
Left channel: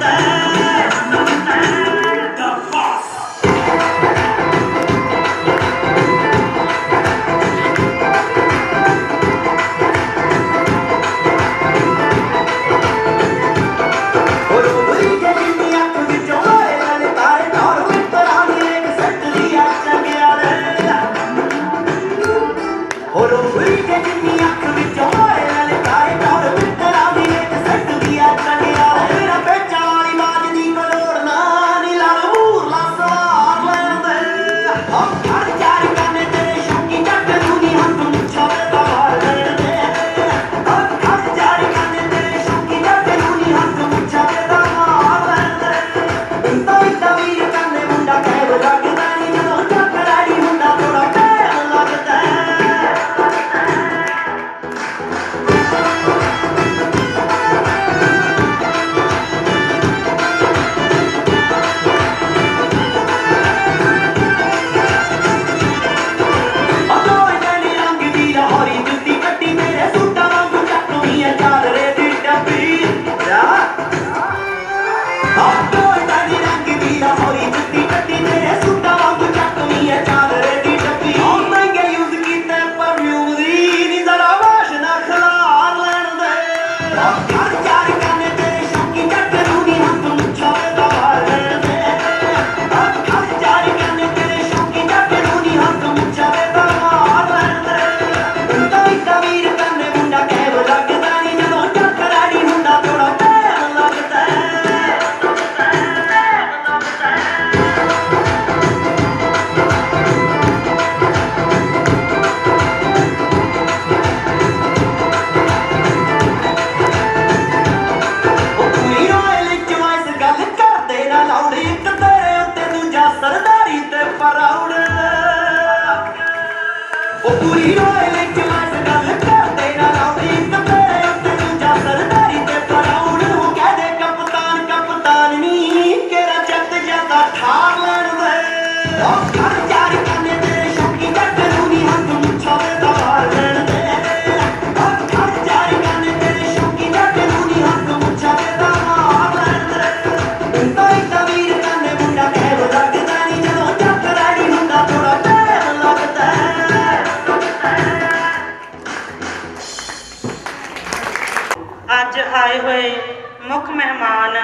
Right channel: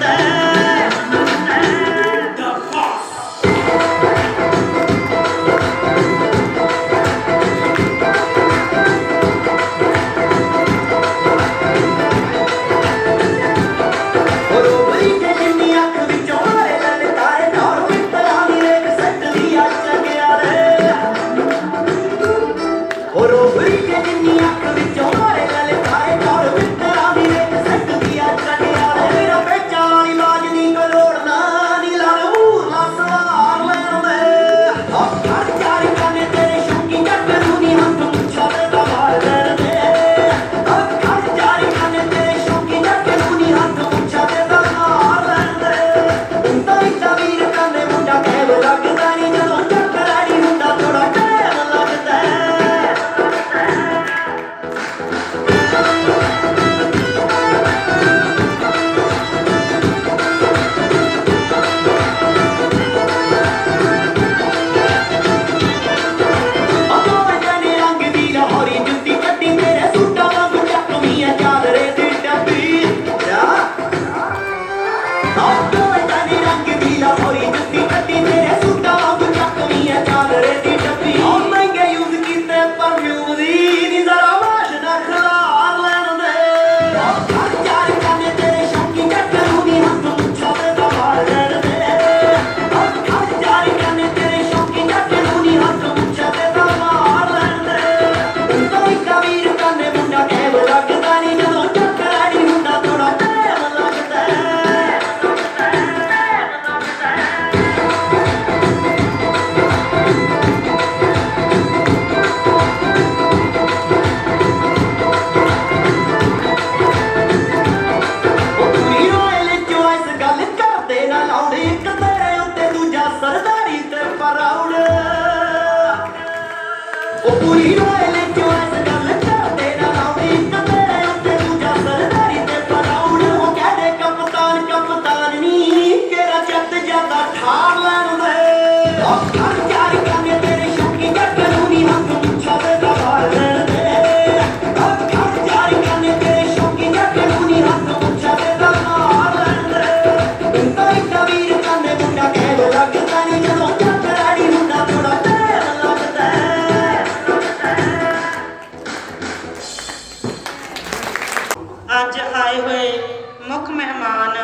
ਅੱਜ ਆਏ ਹੋਏ ਮੁੱਖ ਮਹਿਮਾਨ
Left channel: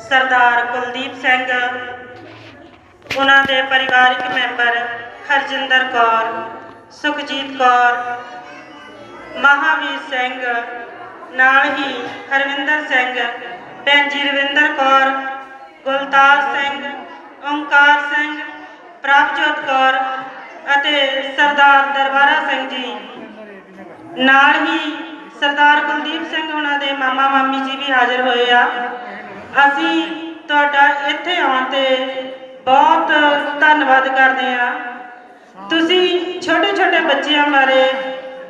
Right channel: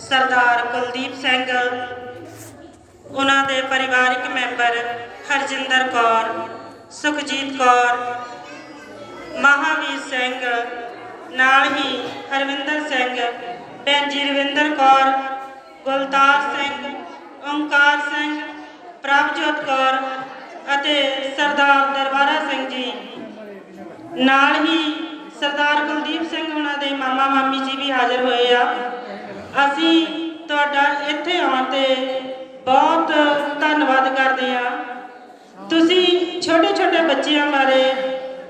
ਸਰਦਾਰ ਕੁਲਦੀਪ ਸਿੰਘ, ਉਹਨਾਂ ਦੇ ਪਰਿਵਾਰਕ ਮੈਂਬਰ ਹਰਜਿੰਦਰ ਕੌਰ, ਸੁਖਜੀਤ ਕੌਰ, ਮਹਾਵੀਰ ਸਿੰਘ, ਨਾਲ ਹੀ ਹਰਵਿੰਦਰ ਸਿੰਘ, ਭੈਣ ਜੀ ਰਵਿੰਦਰ ਕੌਰ, ਗੁਲਤਾਰ ਸਿੰਘ, ਓਂਕਾਰ ਸਿੰਘ, ਪ੍ਰਭਜੋਤ ਕੌਰ ਅਤੇ ਸਰਦਾਰ ਦਰਬਾਰਾ ਸਿੰਘ ਜੀ, ਨਾਲ ਹੀ ਸਰਦਾਰ ਕੁਲਦੀਪ ਸਿੰਘ ਉਹਨਾਂ ਦੇ ਮਾਮਾ ਮਾਮੀ ਜੀ ਵੀ ਹਾਜ਼ਰ ਹੋਏ ਆ। ਅਸੀਂ ਤੁਹਾਡਾ ਇੱਥੇ ਆਉਣ ਤੇ ਬਹੁਤ ਧੰਨਵਾਦ ਕਰਦੇ ਆ। ਤੁਸੀਂ ਛੋਟੇ ਛੋਟੇ ਬੱਚਿਆਂ ਬਾਰੇ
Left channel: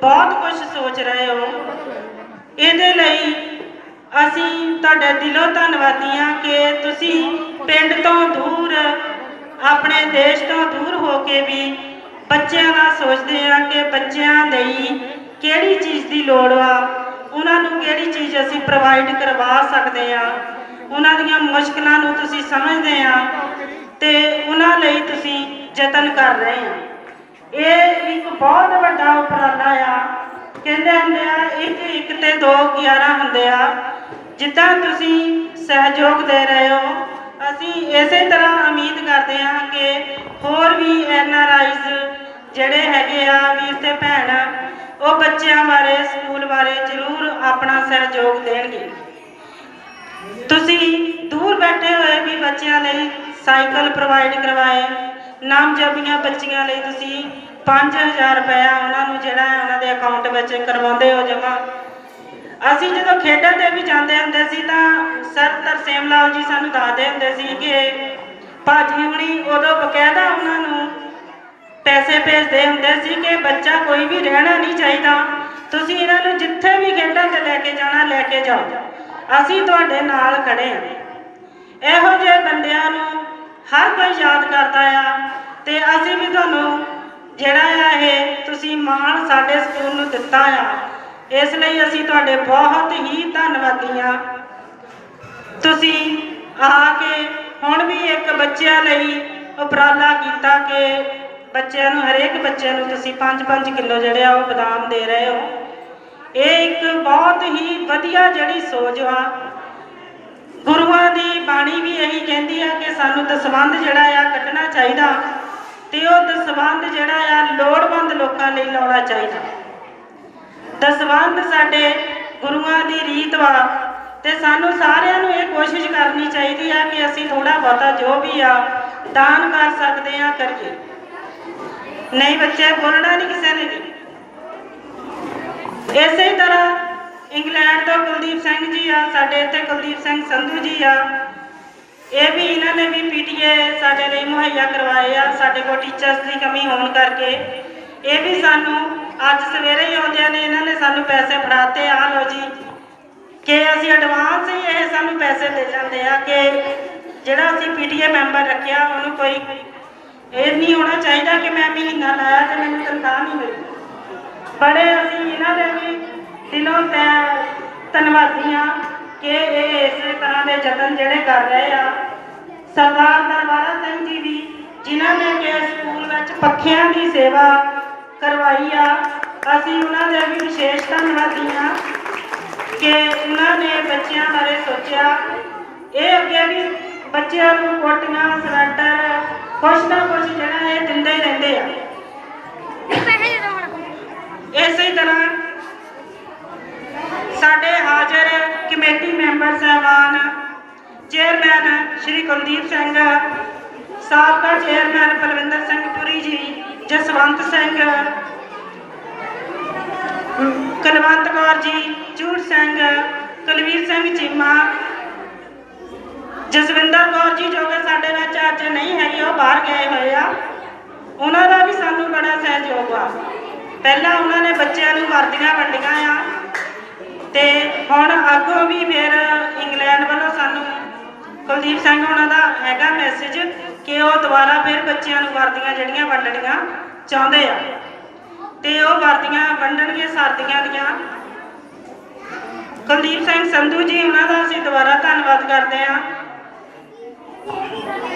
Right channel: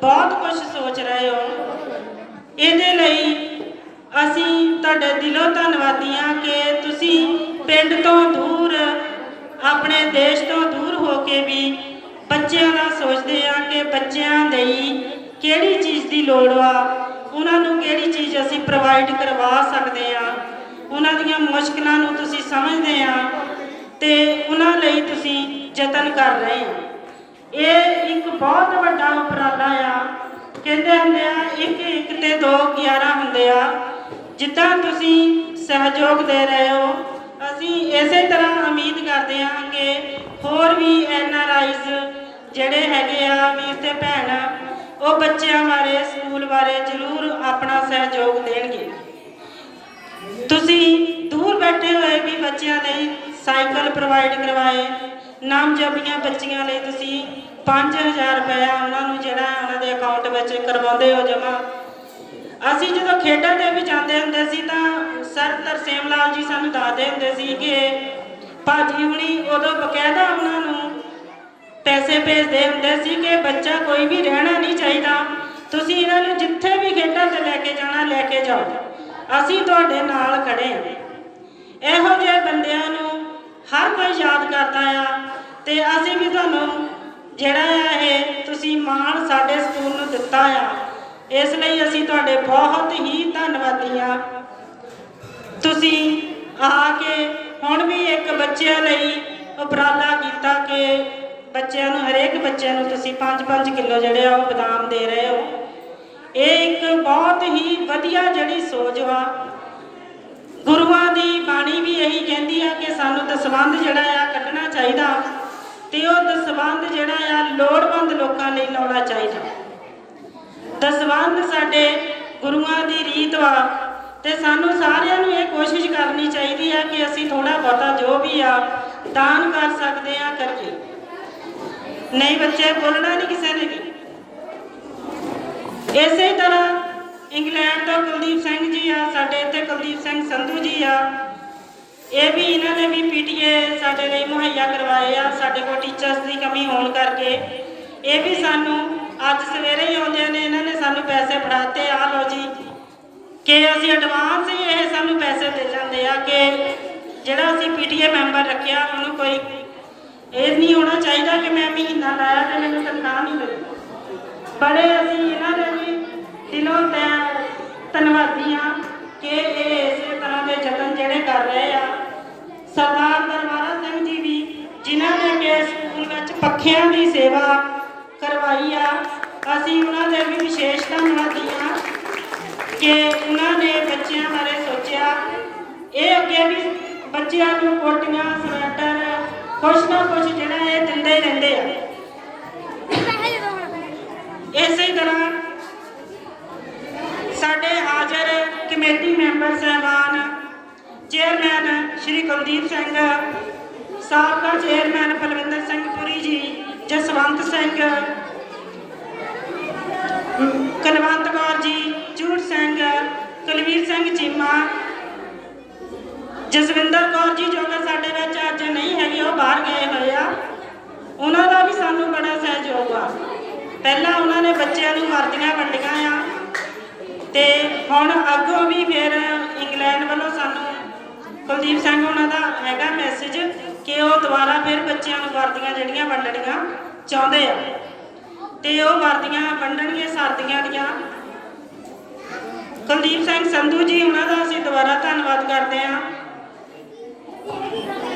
ਬਹੁਤ ਕੁਝ ਸੋਚ ਰਹੇ ਹੋ। ਇਹਦੇ ਲਈ ਅਸੀਂ ਤੁਹਾਡੇ ਦਿਲੋਂ ਧੰਨਵਾਦੀ ਹਾਂ ਕਿ ਤੁਸੀਂ ਪਿੰਡ ਤੋਂ ਦੂਰ, ਆਪਣੇ ਦੇਸ਼ ਤੋਂ ਦੂਰ ਹੋ ਕੇ ਵੀ ਬੱਚਿਆਂ ਦਾ ਸੋਚਦੇ ਆ ਕਿ ਬੱਚਿਆਂ ਲਈ ਕਿਹੜੀ ਚੀਜ਼ ਦੀ ਲੋੜ ਆ, ਉਹਨਾਂ ਨੂੰ ਕਿਹੜੀ ਚੀਜ਼ ਅਸੀਂ ਪ੍ਰੋਵਾਈਡ ਕਰਵਾ ਸਕਦੇ ਆ, ਉਹਨਾਂ ਦੀਆਂ ਮੁਸ਼ਕਲਾਂ ਨੂੰ ਤੁਸੀਂ ਸਮਝਦੇ ਆ ਤੇ ਉਹਨਾਂ ਲਈ ਤੁਸੀਂ ਯਤਨ ਕਰ ਰਹੇ ਆ। ਇਹ ਇੱਕ ਬਹੁਤ ਵੱਡਾ ਉਪਰਾਲਾ ਆ। ਕਹਿੰਦੇ ਹੁੰਦੇ ਆ ਇੱਕ ਤੇ 2 11 ਹੁੰਦੇ ਆ। ਜਿੱਦਾਂ ਤੁਸੀਂ ਸਹਿਯੋਗ ਦੇ ਰਹੇ ਹੋ, ਅਸੀਂ ਇਸੇ ਤਰ੍ਹਾਂ ਉਮੀਦ ਕਰਦੇ ਹਾਂ ਕਿ ਹੋਰ ਵੀ NRIs ਜਿਹੜੇ ਹੈਗੇ ਆ ਵੀਰ ਤੇ ਭੈਣ, ਉਹ ਬੱਚਿਆਂ ਬਾਰੇ, ਸਕੂਲ ਬਾਰੇ ਜ਼ਰੂਰ ਆਪਣਾ ਸਹਿਯੋਗ ਦੇਣਗੇ। ਤੁਸੀਂ ਦੂਰ ਬੈਠੇ ਹੋਏ ਵੀ ਬੱਚਿਆਂ ਲਈ ਸਾਈਕਲ ਪ੍ਰੋਵਾਈਡ ਕਰਵਾਏ, ਨਾਮਜ਼ਦਗੀਆਂ ਬੱਚੀਆਂ ਲਈ ਤੁਸੀਂ 5000 ਰੁਪਇਆ ਉਹਨਾਂ ਨੂੰ ਜਿਹੜਾ ਹੈ ਉਹਨਾਂ ਦੇ ਅਕਾਊਂਟ ਵਿੱਚ ਕਰਵਾਉਂਦੇ ਹੋ ਜਮ੍ਹਾਂ। ਅਸੀਂ ਜਦੋਂ ਖੇਡਾਂ ਦੇ ਵੀ ਜਾਂਦੇ ਹੁੰਦੇ ਸੀ ਤਾਂ ਸਰ ਤਰਸੇਮ ਲਾਲ ਜੀ ਸਾਨੂੰ ਦੱਸਦੇ ਹੁੰਦੇ ਸੀ ਕਿ ਭਾਜੀ ਹੁਣੀ ਉਦੋਂ ਬਕਾਇਦਾ ਉਹਨਾਂ ਨੂੰ ਪੈਸੇ ਭੇਜਦੇ ਹੁੰਦੇ ਸੀ ਕਿ ਬੱਚਾ ਕੋਈ ਵੀ ਰਹਿਣਾ ਨਹੀਂ ਚਾਹੀਦਾ, ਤੁਸੀਂ ਇਹਨਾਂ ਨੂੰ ਜਿੱਥੇ ਵੀ ਖੇਡਾਂ 'ਚ ਲੈ ਕੇ ਜਾਣਾ ਲੈ ਕੇ ਜਾਓ, ਅਸੀਂ ਤੁਹਾਡੇ ਨਾਲ ਖੜੇ ਹਾਂ। ਇਹੋ ਜਿਹੇ ਬੰਦਿਆਂ ਨੂੰ ਹਰ ਕੋਈ ਯਾਦ ਕਰਦਾ ਆ ਤੇ ਅਸੀਂ ਵੀ ਤੁਹਾਨੂੰ ਜਿਹੜਾ ਆ ਇਹ ਤੁਸੀਂ ਮਾਣ ਸਾਡੇ ਸਕੂਲ ਨੂੰ ਦਿੱਤਾ ਆ, ਇਸ ਲਈ ਅਸੀਂ ਤੁਹਾਡੇ ਬਹੁਤ ਹੀ ਧੰਨਵਾਦੀ ਹਾਂ। ਤੁਸੀਂ ਆ ਕੇ ਹੁਣ ਵੀ ਇੱਕ ਬੱਚਿਆਂ ਲਈ ਉਪਰਾਲਾ ਕੀਤਾ ਕਿ ਬੱਚਿਆਂ ਨੂੰ, ਹਰੇਕ ਬੱਚਿਆਂ ਨੂੰ ਤੁਸੀਂ 5-5 ਕਿਲੋ ਜਿਹੜੇ ਆ ਉਹ ਬਦਾਮ ਦੇ ਰਹੇ ਹੋ। ਇਹ ਇੱਕ ਬਹੁਤ ਹੀ ਵਧੀਆ ਜਿਹੜੀ ਸੋਚ ਆ। ਗੁਰੂਆਂ ਦੀ ਬਾਣੀ ਵੀ ਇਹੀ ਕਹਿੰਦੀ ਆ ਕਿ ਸਾਨੂੰ ਦਸਵੰਧ ਜਿਹੜਾ ਆ ਕੱਢਣਾ ਚਾਹੀਦਾ ਤੇ ਉਹ ਦਸਵੰਧ ਜਿਹੜਾ ਆ ਲੋੜਵੰਦ ਲੋਕਾਂ ਲਈ ਲਾਉਣਾ ਚਾਹੀਦਾ। ਦਸਵੰਧ ਸਾਡੇ ਗੁਰੂਆਂ ਦੀ ਰੀਤ ਵਾ ਤੇ ਸਾਨੂੰ ਸਾਰਿਆਂ ਨੂੰ ਇਹ ਕੋਸ਼ਿਸ਼ ਕਰਨੀ ਚਾਹੀਦੀ ਆ ਕਿ ਅਸੀਂ ਥੋੜਾ ਬਹੁਤਾ ਜੋ ਵੀ ਆ ਦਾਨ ਕਰ ਸਕਦੇ ਆ ਕਰੀਏ। ਨਹੀਂ ਬੱਚੇ, ਬੋਲਣਾ ਨਹੀਂ ਕਿਸੇ ਨੇ ਵੀ। ਇਸੇ ਤਰ੍ਹਾਂ ਇੰਗਲੈਂਡ ਤੋਂ ਕੁਲਦੀਪ ਸਿੰਘ ਜੀ ਆ, ਸਾਡੇ ਇੱਥੇ ਕੁਲਦੀਪ ਸਿੰਘ ਸੰਧੂ ਜੀ ਆ, ਇਹ ਵੀ ਇਹਨਾਂ ਨੇ ਵੀ PTA ਸਾਡੇ ਲਈ ਮੁਹੱਈਆ ਕਰਵਾਏ ਆ। ਸਾਡੇ ਕੋਲ ਟੀਚਰਸ ਦੀ ਕਮੀ ਹੋਣ ਕਰਕੇ ਇਹ ਵੀ ਸਾਨੂੰ ਅੱਜ ਸਵੇਰੇ ਹੀ ਆਉਂਦਿਆਂ ਨੇ ਇਹਨਾਂ ਨੇ ਸਾਨੂੰ ਪੈਸੇ ਫੜਾਤੇ, ਆ ਲਓ ਜੀ, ਕਿ ਅਸੀਂ ਐਡਵਾਂਸ ਹੀ ਇਹ ਸਾਨੂੰ ਪੈਸੇ ਦੇ ਜਾਂਦੇ ਆ ਕਿ ਜਿਹੜਾ ਅਸੀਂ PTA ਮੈਂਬਰ ਰੱਖਿਆ ਉਹਨੂੰ ਕੋਈ ਇਹ ਨਹੀਂ ਹੋਣਾ ਚਾਹੀਦਾ ਕਿ ਮੈਂ ਮਹੀਨਾ ਲਾਇਆ ਤੇ ਮੈਨੂੰ ਤਨਖਾਹ ਨਹੀਂ ਮਿਲੀ। ਬੜੇ ਅਸੀਂ ਇਹਨਾਂ ਦੇ ਵੀ ਦਿਲੋਂ ਧੰਨਵਾਦੀ ਹਾਂ ਕਿ ਇਹ ਇਸੇ ਤਰ੍ਹਾਂ ਦੇ ਯਤਨ ਜਿਹੜੇ ਕਰ ਰਹੇ ਆ। ਸਰਦਾਰ ਦਰਬਾਰਾ ਸਿੰਘ ਜੀ ਵੀ, ਜਿਨ੍ਹਾਂ ਨੇ ਕਿ ਸਕੂਲ ਵਿੱਚ ਪੱਖਿਆਂ ਦੀ ਸੇਵਾ ਕਰਵਾਈ ਆ, ਅਸੀਂ ਉਹਨਾਂ ਦੇ ਵੀ ਵਿਸ਼ੇਸ਼ ਧੰਨਵਾਦੀ ਹਾਂ ਕਿ ਉਹਨਾਂ ਨੇ ਬੱਚਿਆਂ ਬਾਰੇ ਸੋਚਿਆ। ਇਹ ਅੱਗੇ ਵੀ ਬੱਚਿਆਂ ਨੂੰ ਕੋਟੀਆਂ, ਸਵੈਟਰ, ਕੁਛ ਨਾ ਕੁਛ ਜਿਹੜਾ ਇਹ ਦਿੰਦੇ ਰਹਿੰਦੇ ਆ। ਇਸੇ ਤਰ੍ਹਾਂ ਸਾਡੇ ਹਾਜ਼ਰ ਕਮੇਟੀ ਮੈਂਬਰ ਸਾਹਿਬਾਨ, ਚੇਅਰਮੈਨ ਸ਼੍ਰੀ ਕੁਲਦੀਪ ਸਿੰਘ, ਸਾਬਕਾ ਚੇਅਰਮੈਨ ਬਲਵਿੰਦਰ ਸਿੰਘ ਪੁਰੀ ਜੀ, ਜਸਵੰਤ ਸਿੰਘ, ਕੁਲਵੰਤ ਕੌਰ ਜੀ, ਝੂੜ ਸਿੰਘ, ਕੁਲਵੀਰ ਸਿੰਘ ਚੀਮਾ, ਜਸਵਿੰਦਰ ਕੌਰ ਜੀ ਜੋ ਕਿ ਸਾਡੇ ਵਿੱਚ ਅੱਜ ਨਹੀਂ ਹੈਗੇ, ਉਹ ਬਾਹਰ ਗਏ ਹੋਏ ਆ। ਉਹਨਾਂ ਦਾ ਵੀ ਸਾਨੂੰ ਬੜਾ ਸਹਿਯੋਗ ਆ। ਪਹਿਲਾਂ ਉਹਨਾਂ ਨੇ ਬੱਚਿਆਂ ਨੂੰ ਵਰਦੀਆਂ ਵੰਡੀਆਂ ਆ ਤੇ ਹੁਣ ਅੱਗੋਂ ਵੀ ਫਿਰ ਇੰਗਲੈਂਡ ਵੱਲੋਂ ਸਾਨੂੰ ਕੁਲਦੀਪ ਸਿੰਘ ਉਹਨਾਂ ਦਾ ਹੈਗਾ ਮੈਸੇਜ ਕਿ ਉਹ ਦੁਬਾਰਾ ਫਿਰ ਬੱਚਿਆਂ ਨੂੰ ਵਰਦੀਆਂ ਜਿਹੜੀਆਂ ਵੰਡਣੀਆਂ ਚਾਹੁੰਦੇ ਆ ਤੇ ਉਹ ਵਰਦੀਆਂ ਵੰਡਣਗੇ ਸਰਦੀਆਂ ਦੀਆਂ। ਕੁਲਦੀਪ ਸਿੰਘ ਸੰਧੂ ਜੀ, ਉਹਨਾਂ ਦਾ ਅਸੀਂ ਦੁਬਾਰਾ ਧੰਨਵਾਦ ਕਰਦੇ ਹਾਂ,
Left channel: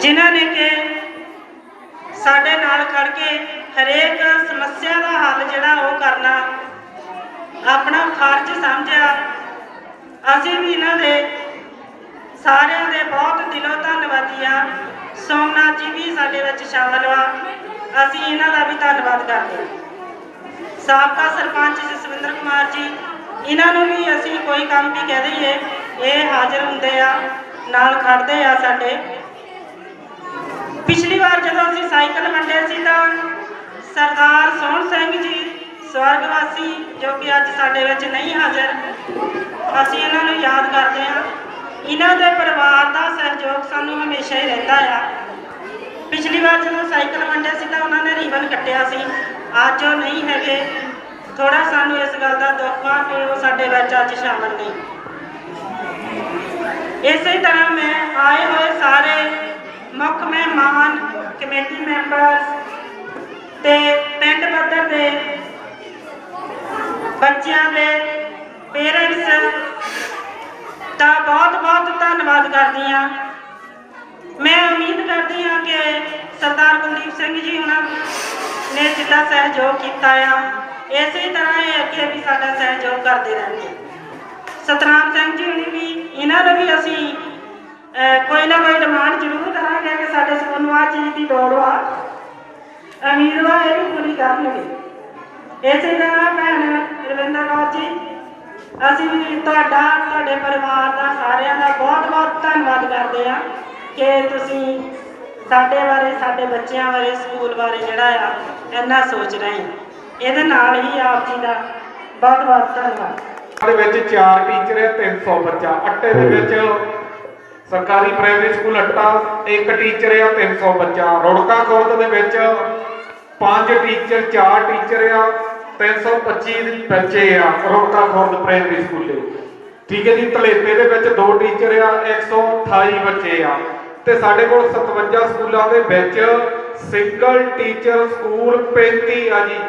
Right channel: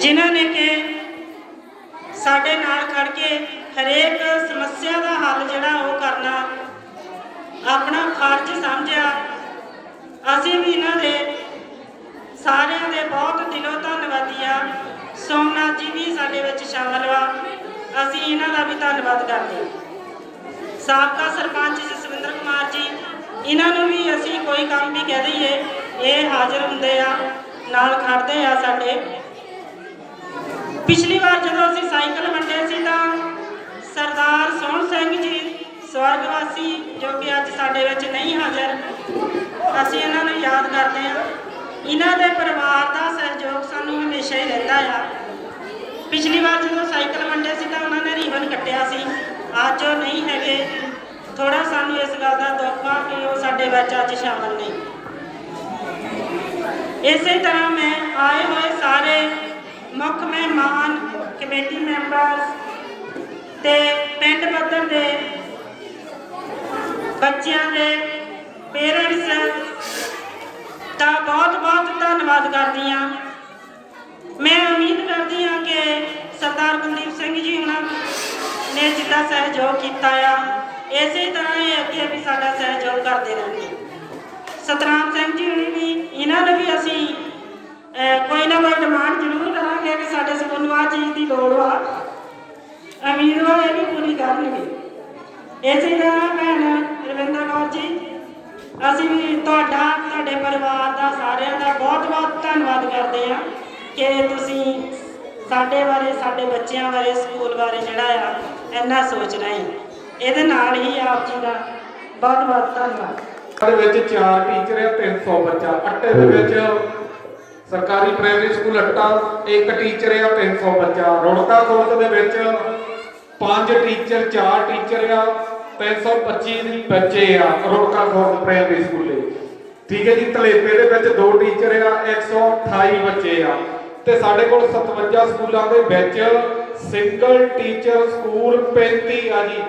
ਜਿਨ੍ਹਾਂ ਨੇ ਕਿ ਸਾਡੇ ਨਾਲ ਖੜ ਕੇ ਹਰੇਕ ਸਮੱਸਿਆ ਦਾ ਹੱਲ ਜਿਹੜਾ ਉਹ ਕਰਨਾ ਆਪਣਾ ਫਰਜ਼ ਸਮਝਿਆ ਅਸੀਂ ਵੀ ਇਹਨਾਂ ਦੇ ਸਾਰਿਆਂ ਦੇ ਬਹੁਤ ਦਿਲੋਂ ਧੰਨਵਾਦੀ ਆ। ਸੋਮਨਾਥ ਜੀ ਵੀ ਸਾਡੇ ਵਿੱਚ ਸ਼ਾਮਲ ਵਾ, ਅਸੀਂ ਇਹਨਾਂ ਦਾ ਵੀ ਧੰਨਵਾਦ ਕਰਦੇ ਹਾਂ। ਸਾਬਕਾ ਸਰਪੰਚ ਜਸਵਿੰਦਰ ਕੁਮਾਰ ਜੀ, ਇਹਨਾਂ ਨੂੰ ਵੀ ਅਸੀਂ ਕੋਈ ਕੰਮ ਵੀ ਕਹਿ ਦਈਏ ਇਹ ਹਾਜ਼ਰ ਹੁੰਦੇ ਆ, ਨਾਲ ਖੜਦੇ ਆ ਸਾਡੇ। ਪਿਛਲੀ ਵਾਰ ਜਦੋਂ ਅਸੀਂ ਸਾਈਕਲ ਵੰਡੇ ਸੀ ਤਾਂ ਸਰਦਾਰ ਸੋਹਣ ਸਿੰਘ ਜੀ ਸਵਰਗਵਾਸੀ, ਜੋ ਕਿ ਅੱਜ ਸਾਡੇ ਵਿੱਚ ਨਹੀਂ ਹਾਜ਼ਰ, ਅਸੀਂ ਇਹਨਾਂ ਨੂੰ ਯਾਦ ਕਰਦੇ ਹਾਂ। ਇਹਨਾਂ ਦੇ ਪਰਿਵਾਰ ਦਾ ਸਹਿਯੋਗ ਸਾਨੂੰ ਹਮੇਸ਼ਾ ਹੀ ਰਹਿੰਦਾ ਆ। ਪਿਛਲੀ ਵਾਰ ਜਦੋਂ ਸਾਈਕਲ ਵੰਡੇ ਸੀ ਤਾਂ ਉਹਨਾਂ ਨੇ ਰੀਬਨ ਕੱਟਿਆ ਸੀ, ਅੱਜ ਉਹ ਨਹੀਂ ਹੈਗੇ। ਥੋੜਾ ਸਾਨੂੰ ਇਸ ਗੱਲ ਦਾ ਦੁੱਖ ਆ ਕਿ ਉਹ ਸਾਡੇ ਵਿੱਚ ਅੱਜ ਸ਼ਾਮਲ ਨਹੀਂ। ਇਸੇ ਤਰ੍ਹਾਂ ਮੈਂ ਆਏ ਹੋਏ ਸਾਰੇ ਮੁੱਖ ਮਹਿਮਾਨ, ਕਮੇਟੀ ਮੈਂਬਰ ਤੇ ਪਿੰਡ ਪੱਧਰ ਦੇ ਬੱਚਿਆਂ ਦੇ ਪੇਰੈਂਟਸ ਦਾ ਬਹੁਤ ਧੰਨਵਾਦ ਕਰਦੀ ਹਾਂ। ਮੈਂ ਉਮੀਦ ਕਰਦੀ ਹਾਂ ਕਿ ਸਰਦਾਰ ਕੁਲਦੀਪ ਸਿੰਘ ਜੀ ਉਹਨਾਂ ਨੇ ਜਿੱਦਾਂ ਸਹਿਯੋਗ ਕੀਤਾ ਆ, ਇਸੇ ਤਰ੍ਹਾਂ ਇਹ ਅੱਗੇ ਵੀ ਸਾਡਾ ਸਹਿਯੋਗ ਕਰਦੇ ਰਹਿਣਗੇ। ਸਤਨਾਮ ਸਿੰਘ ਜੀ ਵੀ, ਇਹਨਾਂ ਨੂੰ ਵੀ ਅਸੀਂ ਕੋਈ ਨਾ ਕੋਈ ਡਿਮਾਂਡ ਜ਼ਰੂਰ ਕਰਾਂਗੇ ਕਿ ਸਾਡੇ ਸਕੂਲ ਨੂੰ ਆਹ ਚੀਜ਼ ਦੀ ਲੋੜ ਆ, ਉਮੀਦਵਾਰ ਇਹ ਵੀ ਪੂਰੀ ਕਰਨਗੇ। ਇਸੇ ਤਰ੍ਹਾਂ ਭੈਣ ਰਵਿੰਦਰ ਕੌਰ ਜੀ, ਅਸੀਂ ਵੀ ਤੁਹਾਡੇ ਪਰਿਵਾਰ ਦਾ, ਸਾਰਿਆਂ ਦਾ ਬਹੁਤ ਧੰਨਵਾਦ ਕਰਦੇ ਹਾਂ ਕਿ ਤੁਸੀਂ ਸਾਡੇ ਬਾਰੇ, ਸਾਡੇ ਬੱਚਿਆਂ ਬਾਰੇ, ਸਕੂਲ ਬਾਰੇ ਜਿਹੜਾ ਆ ਇੰਨਾ ਸੋਚ ਰਹੇ ਹੋ। ਇਹਦੇ ਨਾਲ ਹੀ ਆਪ ਜੀ ਦਾ ਬਹੁਤ ਧੰਨਵਾਦ। ਦੇ ਵਿੱਚ 4 ਟੀਚਰ ਆ, 300 ਬੱਚਾ। ਅੱਟੇ ਦੇ ਵਿੱਚ ਸਰਕਾਰੀ ਪ੍ਰਾਇਮਰੀ ਸਕੂਲ ਅੱਟਾ 1 ਟੀਚਰ ਆ, 300 ਬੱਚਾ। ਰੁੜਕਾ ਖੁਰਦ ਦੇ ਵਿੱਚ 5 ਟੀਚਰ, 4 ਟੀਚਰ ਆ, 325 ਬੱਚੇ ਆ ਰੁੜਕਾ ਖੁਰਦ ਪ੍ਰਾਇਮਰੀ ਸਕੂਲੇ। ਠੀਕ ਹੈ ਜੀ। ਧਲੇਪੇ ਦੇ ਵਿੱਚ 2 ਟੀਚਰ ਆ, 128 ਬੱਚੇ ਆ। ਤੇ ਸਾਡੇ ਕੋਲ 57 ਸਕੂਲਾਂ ਦੇ ਵਿੱਚ ਸਿੰਗਲ ਟੀਚਰ ਸਕੂਲ 35 ਆ ਜੀ।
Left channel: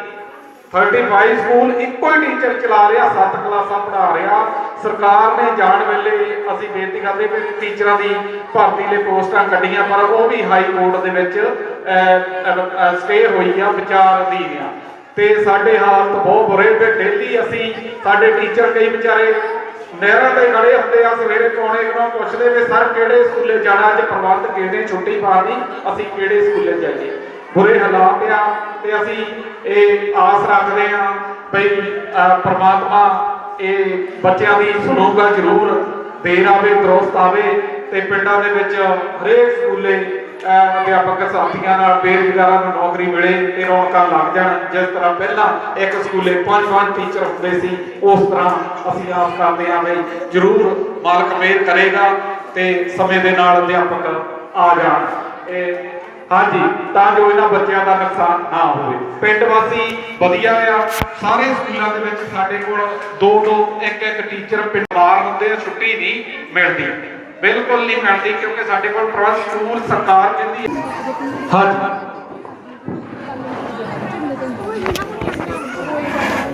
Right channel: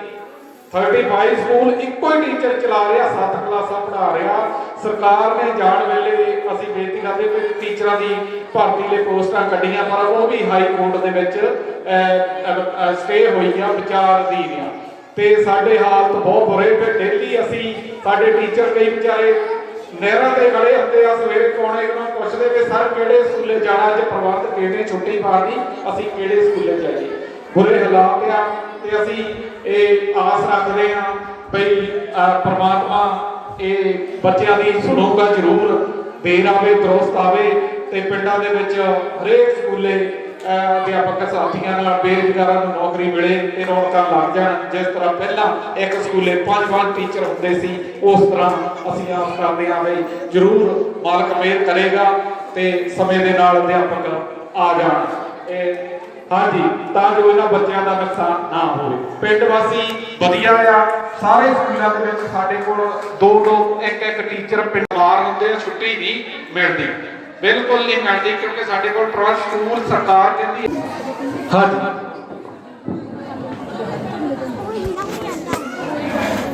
35 ਸਕੂਲ ਇੱਕੋ ਹੀ ਟੀਚਰ ਚਲਾ ਰਿਹਾ, 7 ਕਲਾਸਾਂ ਪੜ੍ਹਾ ਰਿਹਾ। ਸਰਕਾਰ ਨੇ ਜਾਣ ਵੇਲੇ ਅਸੀਂ ਬੇਨਤੀ ਕਰਦੇ ਕਿ ਟੀਚਰਾਂ ਦੀ ਭਰਤੀ ਲਈ ਪੋਸਟਾਂ ਕੱਢੀਆਂ, ਪਰ ਉਹ ਵੀ ਹਾਈ ਕੋਰਟ ਦੇ ਵਿੱਚ ਸਟੇ ਹੋਈ ਆ, ਵਿਚਾਰ ਅਧੀਨ ਆ। ਤੇ ਸਾਡੇ ਹਾਲਤ ਬਹੁਤ ਬੁਰੇ ਤੇ ਡੇਲੀ ਅਸੀਂ ਸਾਡੇ ਟੀਚਰ ਕਈ ਵਿਚਾਰੇ ਨਹਿਰਾਂ ਤੇ ਖੜੇ ਹੁੰਦੇ ਆ, ਸਵੇਰੇ ਕੋਣੇ ਨੂੰ ਪੁੱਛਦੇ ਵੀ ਸਰ ਕਿਹੜੇ ਸਕੂਲੇ ਜਾਣਾ, ਅੱਜ ਪ੍ਰਬੰਧ ਕਿਹਨੇ ਛੁੱਟੀ ਪਾਣੀ, ਅਸੀਂ ਕਿਹੜੇ ਸਕੂਲੇ ਜਾਈਏ। ਬੁਰੇ ਹਾਲਾਤ ਆ ਤੇ ਅਸੀਂ ਇਹ ਆਸ ਰੱਖਦੇ ਹਾਂ ਭਈ ਪ੍ਰਮਾਤਮਾ ਇਹ ਬੱਚਿਆਂ ਦੀ ਸੁਣੂਗਾ ਜ਼ਰੂਰ, ਦੇਰ ਆਵੇ ਦਰੁਸਤ ਆਵੇ ਤੇ ਪਿੰਡਾਂ ਦੇ ਵਿੱਚ ਹਰੇਕ ਸਕੂਲੇ ਅਧਿਆਪਕ ਸਾਥੀਆਂ ਨਾਲ ਬੇਰੁਜ਼ਗਾਰਾਂ ਨੂੰ ਨੌਕਰੀ ਮਿਲੇ ਤੇ ਰੌਣਕਾਂ ਲੱਗ ਜਾਣ। ਜਿਸ ਤਰ੍ਹਾਂ ਪਹਿਲਾਂ ਇੱਕ ਸਕੂਲੇ 5 ਟੀਚਰ ਹੁੰਦੇ ਸੀ, ਉਸ ਤਰ੍ਹਾਂ ਅਸੀਂ ਆਸ ਕਰਦੇ ਹਾਂ ਵੀ ਜ਼ਰੂਰ ਮਾਲਕ ਮਿਹਰ ਕਰੇਗਾ ਤੇ ਸਮੇਂ ਦੇ ਨਾਲ ਅਧਿਆਪਕ ਆ ਜਾਣ। ਹਾਂਜੀ, ਤਾਂ ਜੋ ਇਹਨਾਂ ਬੱਚਿਆਂ ਦਾ ਨੁਕਸਾਨ ਨਾ ਹੋਵੇ। ਪਿੰਡ ਵਾਸੀ ਵਧੀਆ ਆ, ਸਾਰੇ ਸਕੂਲਾਂ ਦੇ ਵਿੱਚ ਸਾਡੇ ਕੋਲ 2 1 ਟੀਚਰ ਪਿੰਡਵਾਰ ਹੁੰਦੇ ਆ, ਛੁੱਟੀ ਨਹੀਂ ਮਿਲਦੀ, ਬਿਲਕੁਲ ਨਹੀਂ ਮਿਲਦੀ, ਕਿਉਂਕਿ ਸਾਡੇ ਕੋਲ ਟਰਸਟ ਸਕੂਲ ਸਰਕਾਰ ਦਿੰਦੀ ਹੈ। ਹਾਂਜੀ,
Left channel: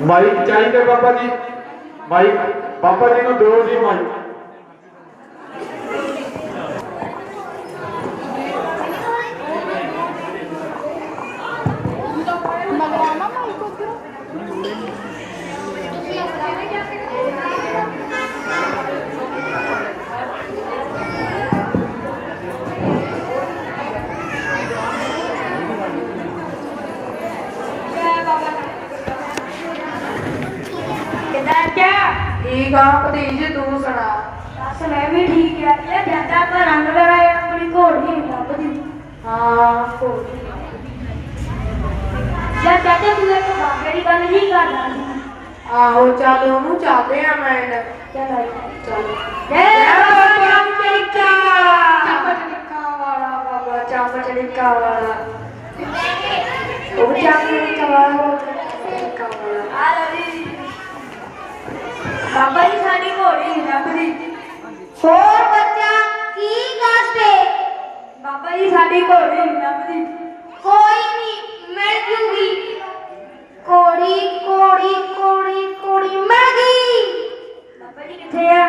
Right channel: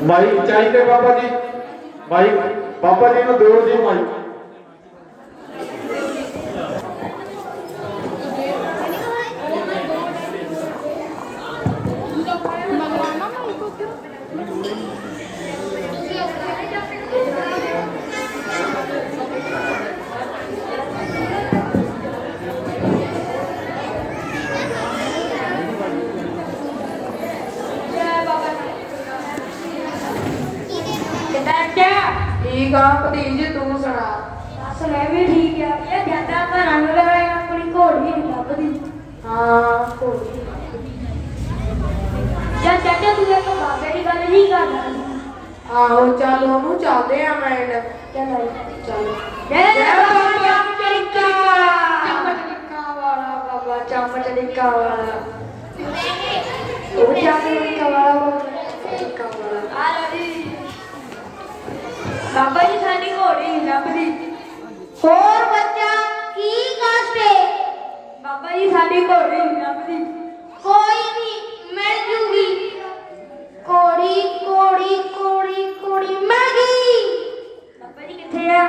ਮਾਈਕ ਚਾਹੀਦੇ ਬਾਬਾ ਜੀ, ਮਾਈਕ ਬਾਬਾ ਜੀ ਨੂੰ ਦਿਓ ਜੀ ਮਾਈਕ। ठीक आ भतीजे, तू सुना? बस मैं भी ठीक है। ये जंगल पर रंग लगाया, अपनी घोड़ी नहीं लभदी। हां घोड़ी या चाचा तू एक बाबे की गल नहीं करना। आहो चल ओनू चलदे आ फ्रेंड। चल आई चल। ए बाबा चमचड़िका वाला, बाबा चमचड़िका वाला, ओ चमचड़िका वाला बाबा जी साडी घोड़ी नहीं लभदी। और बच्चा की कष्ट है? बाबा जी साडी घोड़ी नहीं लभदी। कोई नहीं मिल जूगी। घोड़ी घोड़ी घोड़ी घोड़ी मिल गई। बाबा जी किथे है?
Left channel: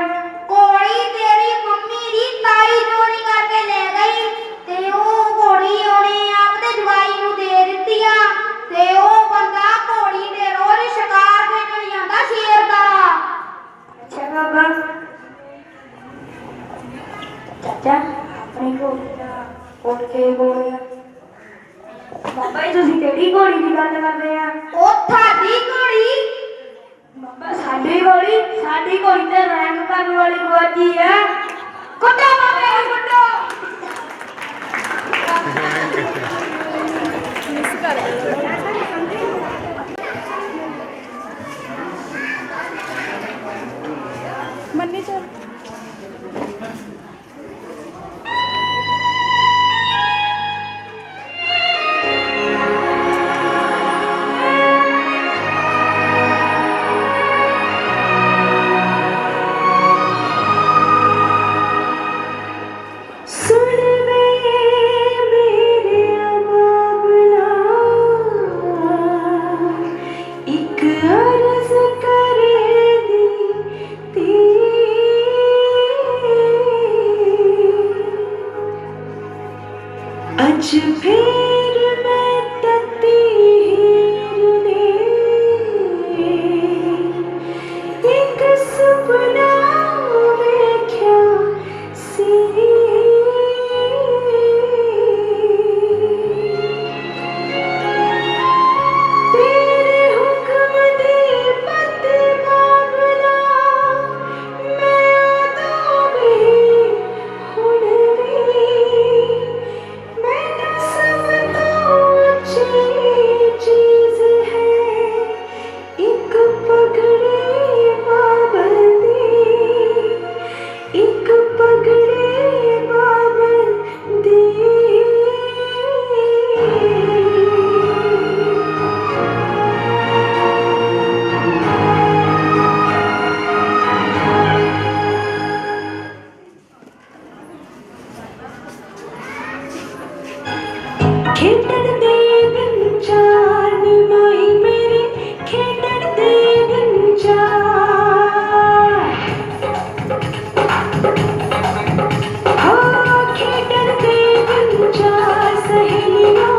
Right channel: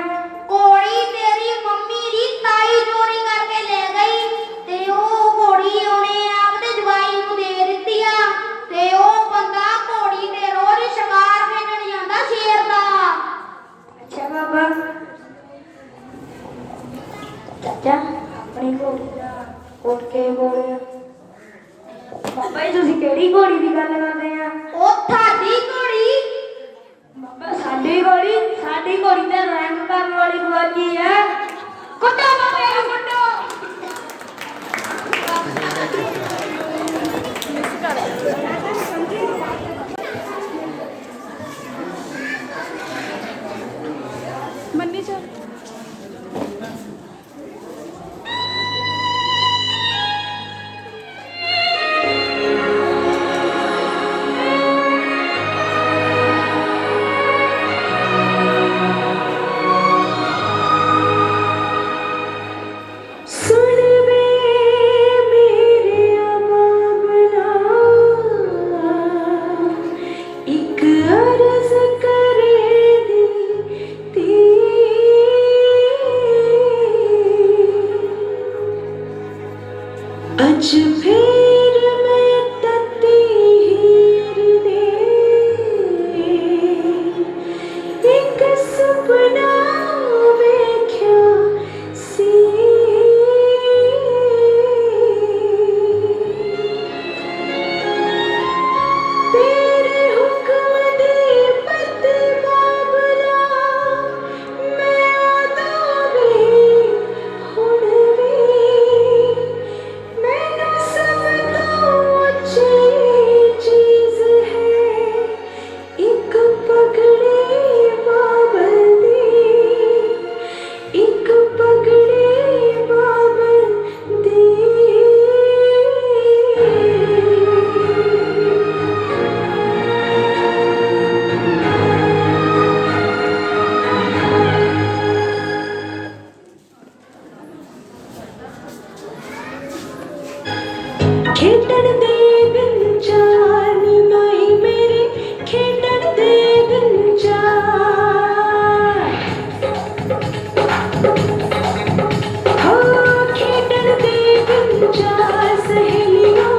घोड़ी तेरी मम्मी दी ताई चोरी करके ले गई ते ओ घोड़ी ओने आपदे जवाई नू दे दित्ती आ ते ओ बंदा घोड़ी ते रोज शिकार खेडण ਜਾਂਦਾ शेर दा। अच्छा बाबा ਚਾਚਾ ਆਪਣੀ ਘੋੜੀ ਦਾ ਉੱਠ ਕੇ ਬੋਲਿਆ ਬਾਬਾ ਜੀ ਤੁਸੀਂ ਕਿਹੜੀ ਘੋੜੀ ਦੀ ਗੱਲ ਕਰਦੇ ਆ ਉਹ ਤੁਹਾਡੀ ਘੋੜੀ ਬਾਬਾ ਸਾਡੀ ਘੋੜੀ ਤੇ ਰੰਗ ਕਰਨ ਵਾਲੀ ਗਵਾਚੀ ਹੈ ਕੁੱਟੋ ਬਾਬੇ ਨੂੰ ਕੁੱਟੋ ਮੰਨੀ ਚੋ ਅੱਜ ਫੇਰ ਮੈਂ ਤੱਤੀ ਹੀਰ ਦੇ ਇੱਕ ਸੁਪਨਾ ਵੇਖਿਆ ਸੀ ਤੇਰੇ ਹੁਕਮ ਦੀ ਪਤ ਬਾਬਲਾ ਮੈਂ ਉਦੋਂ ਵੀ ਹੁਣ ਵੀ मैंने सबको अच्छी चीज है एक पगड़ी पाबंदी एक पगड़ी पाबंदी ਖੇਡਣ ਦੇ ਦਿਨ ਚਾਰ ਨੀ ਮਾਈ ਮੇਰੇ ਖੇਡਣ ਦੇ ਦਿਨ ਚਾਰ ਹੋ ਖੇਡਣ ਦੇ ਦਿਨ ਚਾਰ ਸਹੇਲੀਆਂ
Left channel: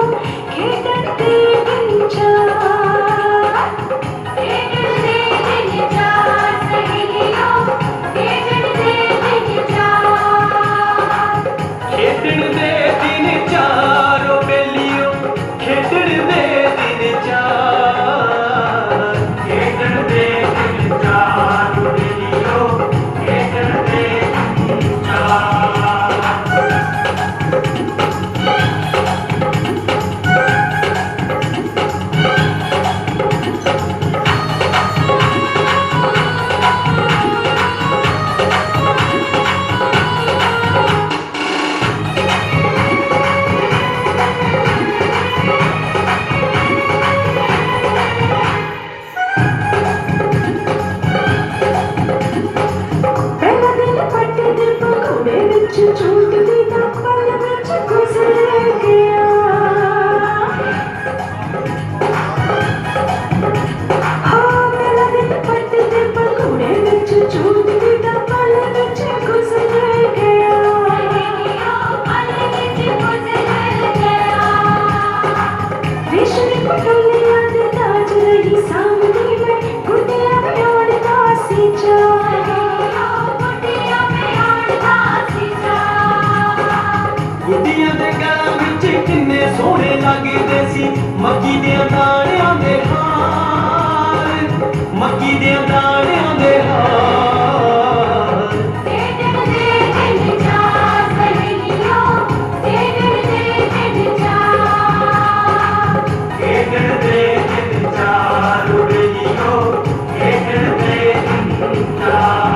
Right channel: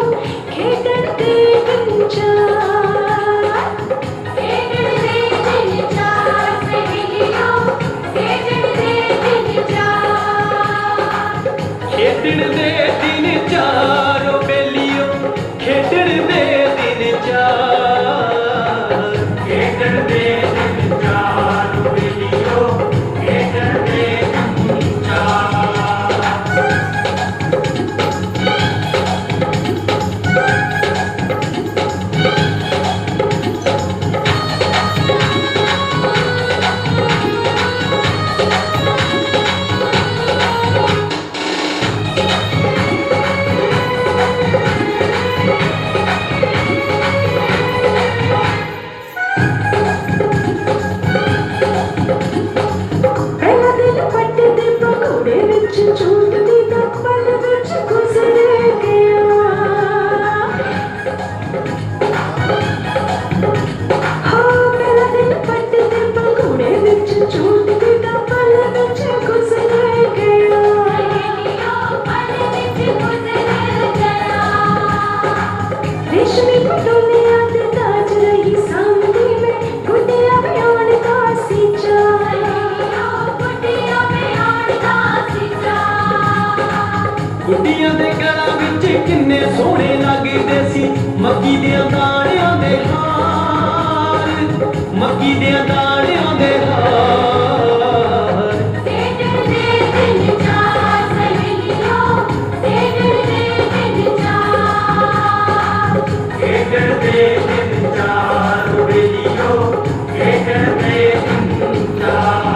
ਖੇਡਣ ਦੇ ਦਿਨ ਚਾਰ ਖੇਡਣ ਦੇ ਦਿਨ ਚਾਰ ਸਹੇਲੀਆਂ ਖੇਡਣ ਦੇ ਦਿਨ ਚਾਰ ਖੇਡਣ ਦੇ ਦਿਨ ਚਾਰ ਬੇਲੀਓ ਖੇਡਣ ਦੇ ਦਿਨ ਚਾਰ ਖੇਡਣ ਦੇ ਦਿਨ ਚਾਰ ਬੇਲੀਓ ਖੇਡਣ ਦੇ ਦਿਨ ਚਾਰ ਪਹਿਲਾ ਦਿਨ ਪੱਟੇ ਦੇ ਪਕੌੜੇ ਵਿੱਚ ਝੂਠ ਦੀ ਨਾ ਪਲ ਵਿੱਚ ਗੁਜ਼ਰ ਗਿਆ ਹਾਂ ਪਹਿਲਾ ਦਿਨ ਪੱਟੇ ਦੇ ਪਕੌੜੇ ਵਿੱਚ ਝੂਠ ਦੀ ਨਾ ਪਲ ਵਿੱਚ ਗੁਜ਼ਰ ਗਿਆ ਰੇਸ਼ਮੀ ਪਟੋਲਿਆਂ ਦੇ ਤਾਜ ਰਹੀ ਸਾਹਮਣੇ ਮੈਂ ਗੁੱਡੀਆਂ ਬਣਾਉਣ ਦਾ ਸੀ ਗੁੱਡੀਆਂ ਦੇ ਗਲਾਂ ਵਿੱਚ ਕਿੰਨੇ ਸੋਹਣੇ ਲੱਗਦੇ ਸੀ ਮੱਕੀ ਦੀਆਂ ਦਾਣਿਆਂ ਦੇ ਹਾਰ ਮੱਕੀ ਦੀਆਂ ਦਾਣਿਆਂ ਦੇ ਹਾਰ ਖੇਡਣ ਦੇ ਦਿਨ ਚਾਰ ਸਹੇਲੀਆਂ ਖੇਡਣ ਦੇ ਦਿਨ ਚਾਰ ਖੇਡਣ ਦੇ ਦਿਨ ਚਾਰ ਬੇਲੀਓ ਖੇਡਣ ਦੇ ਦਿਨ ਚਾਰ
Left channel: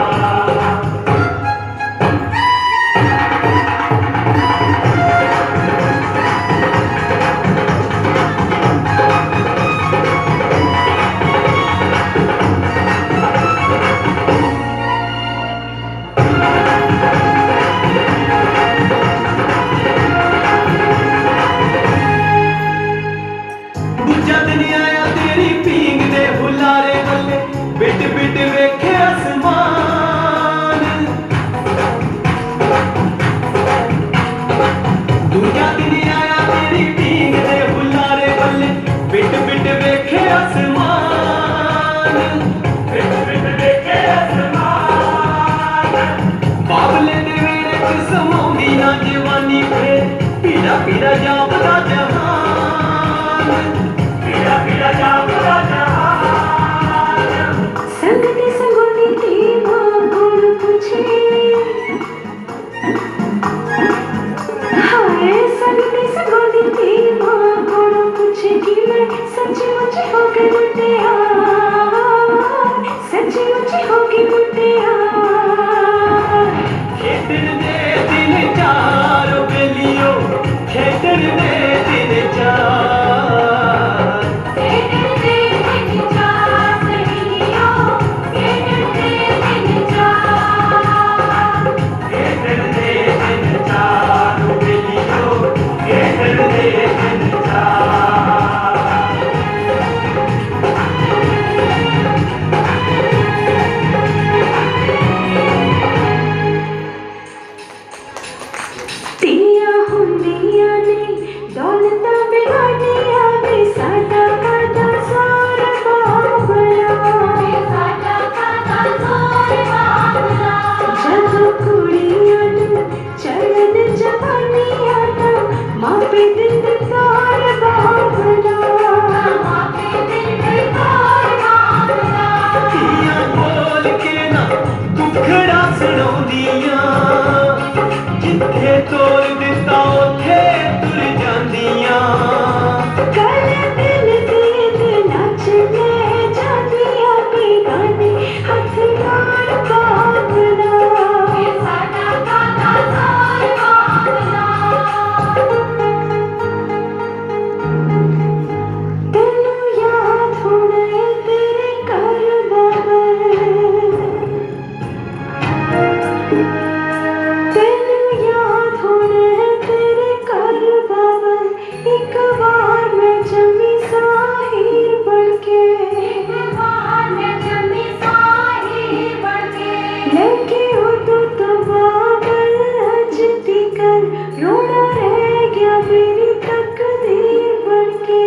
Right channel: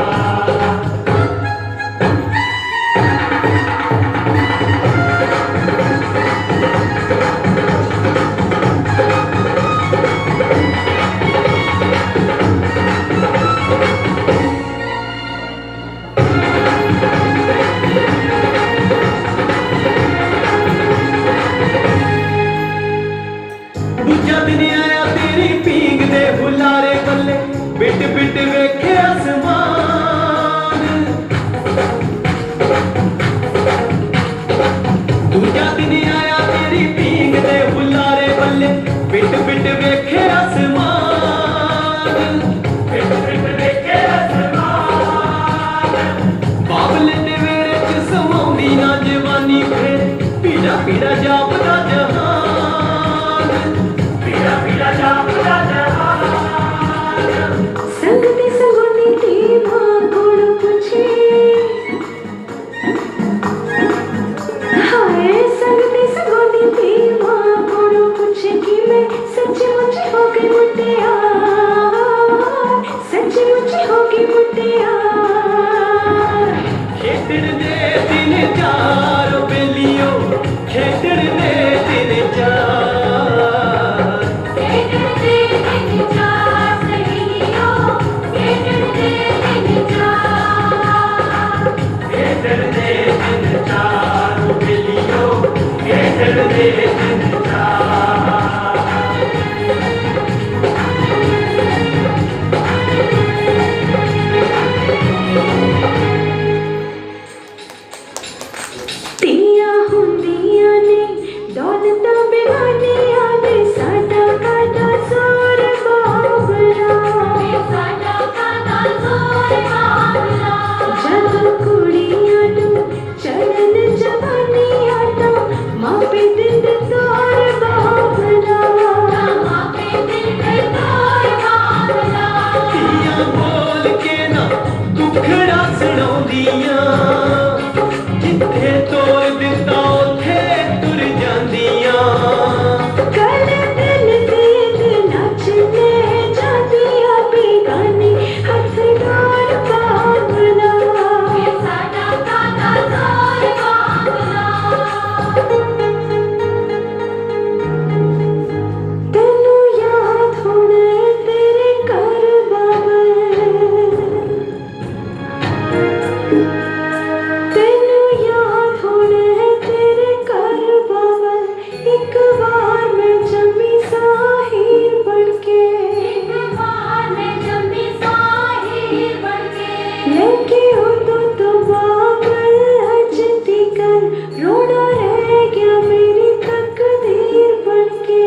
ਮੁਖੜਾ ਸੁਣਾਉਂਦੀਆਂ ਜਿੱਥੇ ਤੋਰ ਦਿੱਤਾ ਉੱਥੇ ਤੁਰ ਜਾਂਦੀਆਂ ਗਲੇ ਦਿਲ ਦੇ ਨੱਚਦੇ ਜਾਂਦੀਆਂ ਵੀ ਗਾਣੇ ਹੱਥ ਨਾਲ ਬਾਬਲਾ ਸਾਡਾ ਗਾਣਾ ਨਾਲ ਬਾਬਲਾ ਤੈਨੂੰ ਯਾਦ ਹੋਣਾ ਏ ਤੇਰੇ ਘਰ ਬਾਬਾ ਤੈਨੂੰ ਯਾਦ ਹੋਣਾ ਏ ਤੇਰੇ ਘਰ ਬਾਬਾ ਇੱਕ ਵਾਰ ਮੈਂ ਜੰਮੀ ਸਾਹਿਰ ਬਣ ਕੇ ਲੈ ਕੇ ਉਦੋਂ ਤੋਂ ਬਾਬਲ ਅੱਜ ਤੀਕਰ ਰੋਣਾ ਰਹਿ ਗਿਆ ਮੇਰੀ ਤਕਦੀਰ ਬਣ ਕੇ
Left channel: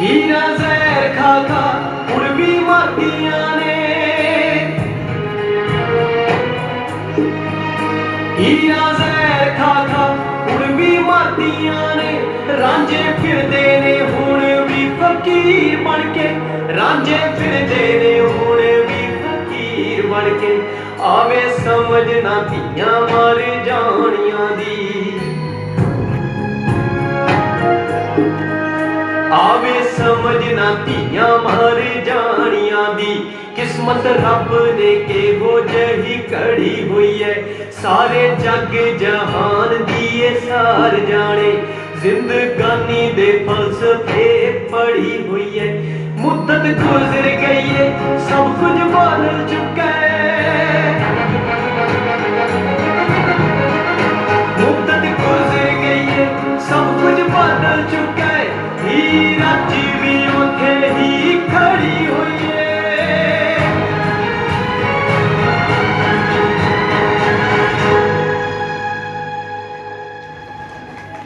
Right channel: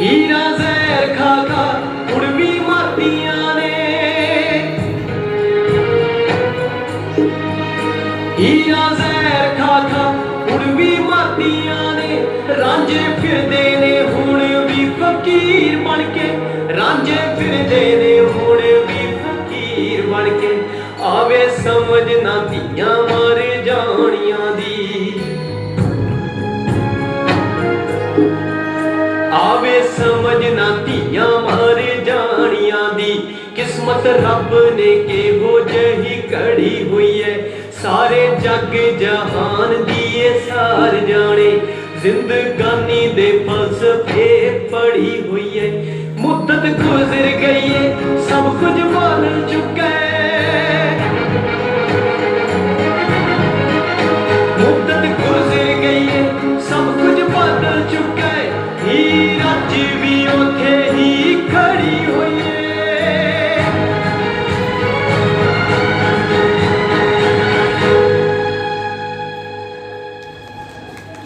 ਹੀਰਾ ਜ਼ਹਿਰ ਖਾ ਖਾ ਹੁਣ ਵੀ ਮਾਰਦੀਆਂ ਨੇ ਹੀਰਾ ਜ਼ਹਿਰ ਖਾ ਖਾ ਹੁਣ ਵੀ ਮਾਰਦੀਆਂ ਨੇ ਰਾਂਝੇ ਫਿਰਦੇ ਨੇ ਹੁਣ ਵੀ ਫਕੀਰ ਬਣ ਕੇ ਰਾਂਝੇ ਫਿਰਦੇ ਨੇ ਹੁਣ ਵੀ ਫਕੀਰ ਬਣ ਕੇ ਆਵੇ ਸਮਝ ਨਾ ਧੀਆਂ ਮਰ ਜਾਣੀਆਂ ਦੀ ਆਵੇ ਸਮਝ ਨਾ ਧੀਆਂ ਮਰ ਜਾਣੀਆਂ ਦੀ ਕਿਸਮਤ ਰੱਬ ਨੇ ਕਿਹੋ ਜਿਹੀ ਘੜੀ ਹੋਈ ਐ ਸਾਰੇ ਜੱਗ ਜਹਾਨ ਦੀ ਏ ਸਾਰ ਜਾਣੇ ਜ਼ਿੰਦਗਾਨੀ ਦੇ ਫਲਸਫੇ ਪੜੀ ਹੋਈ ਐ ਮੁੱਦਤ ਗੁਜ਼ਰ ਗਈ ਏ ਸਭ ਕੁਝ ਬਣ ਚੁੱਕਾ ਏ ਮੁੱਦਤ ਗੁਜ਼ਰ ਗਈ ਏ ਸਭ ਕੁਝ ਬਣ ਚੁੱਕਾ ਏ ਹੀਰ ਅੱਜ ਵੀ ਉੱਥੇ ਹੀ ਖੜੀ ਹੋਈ ਏ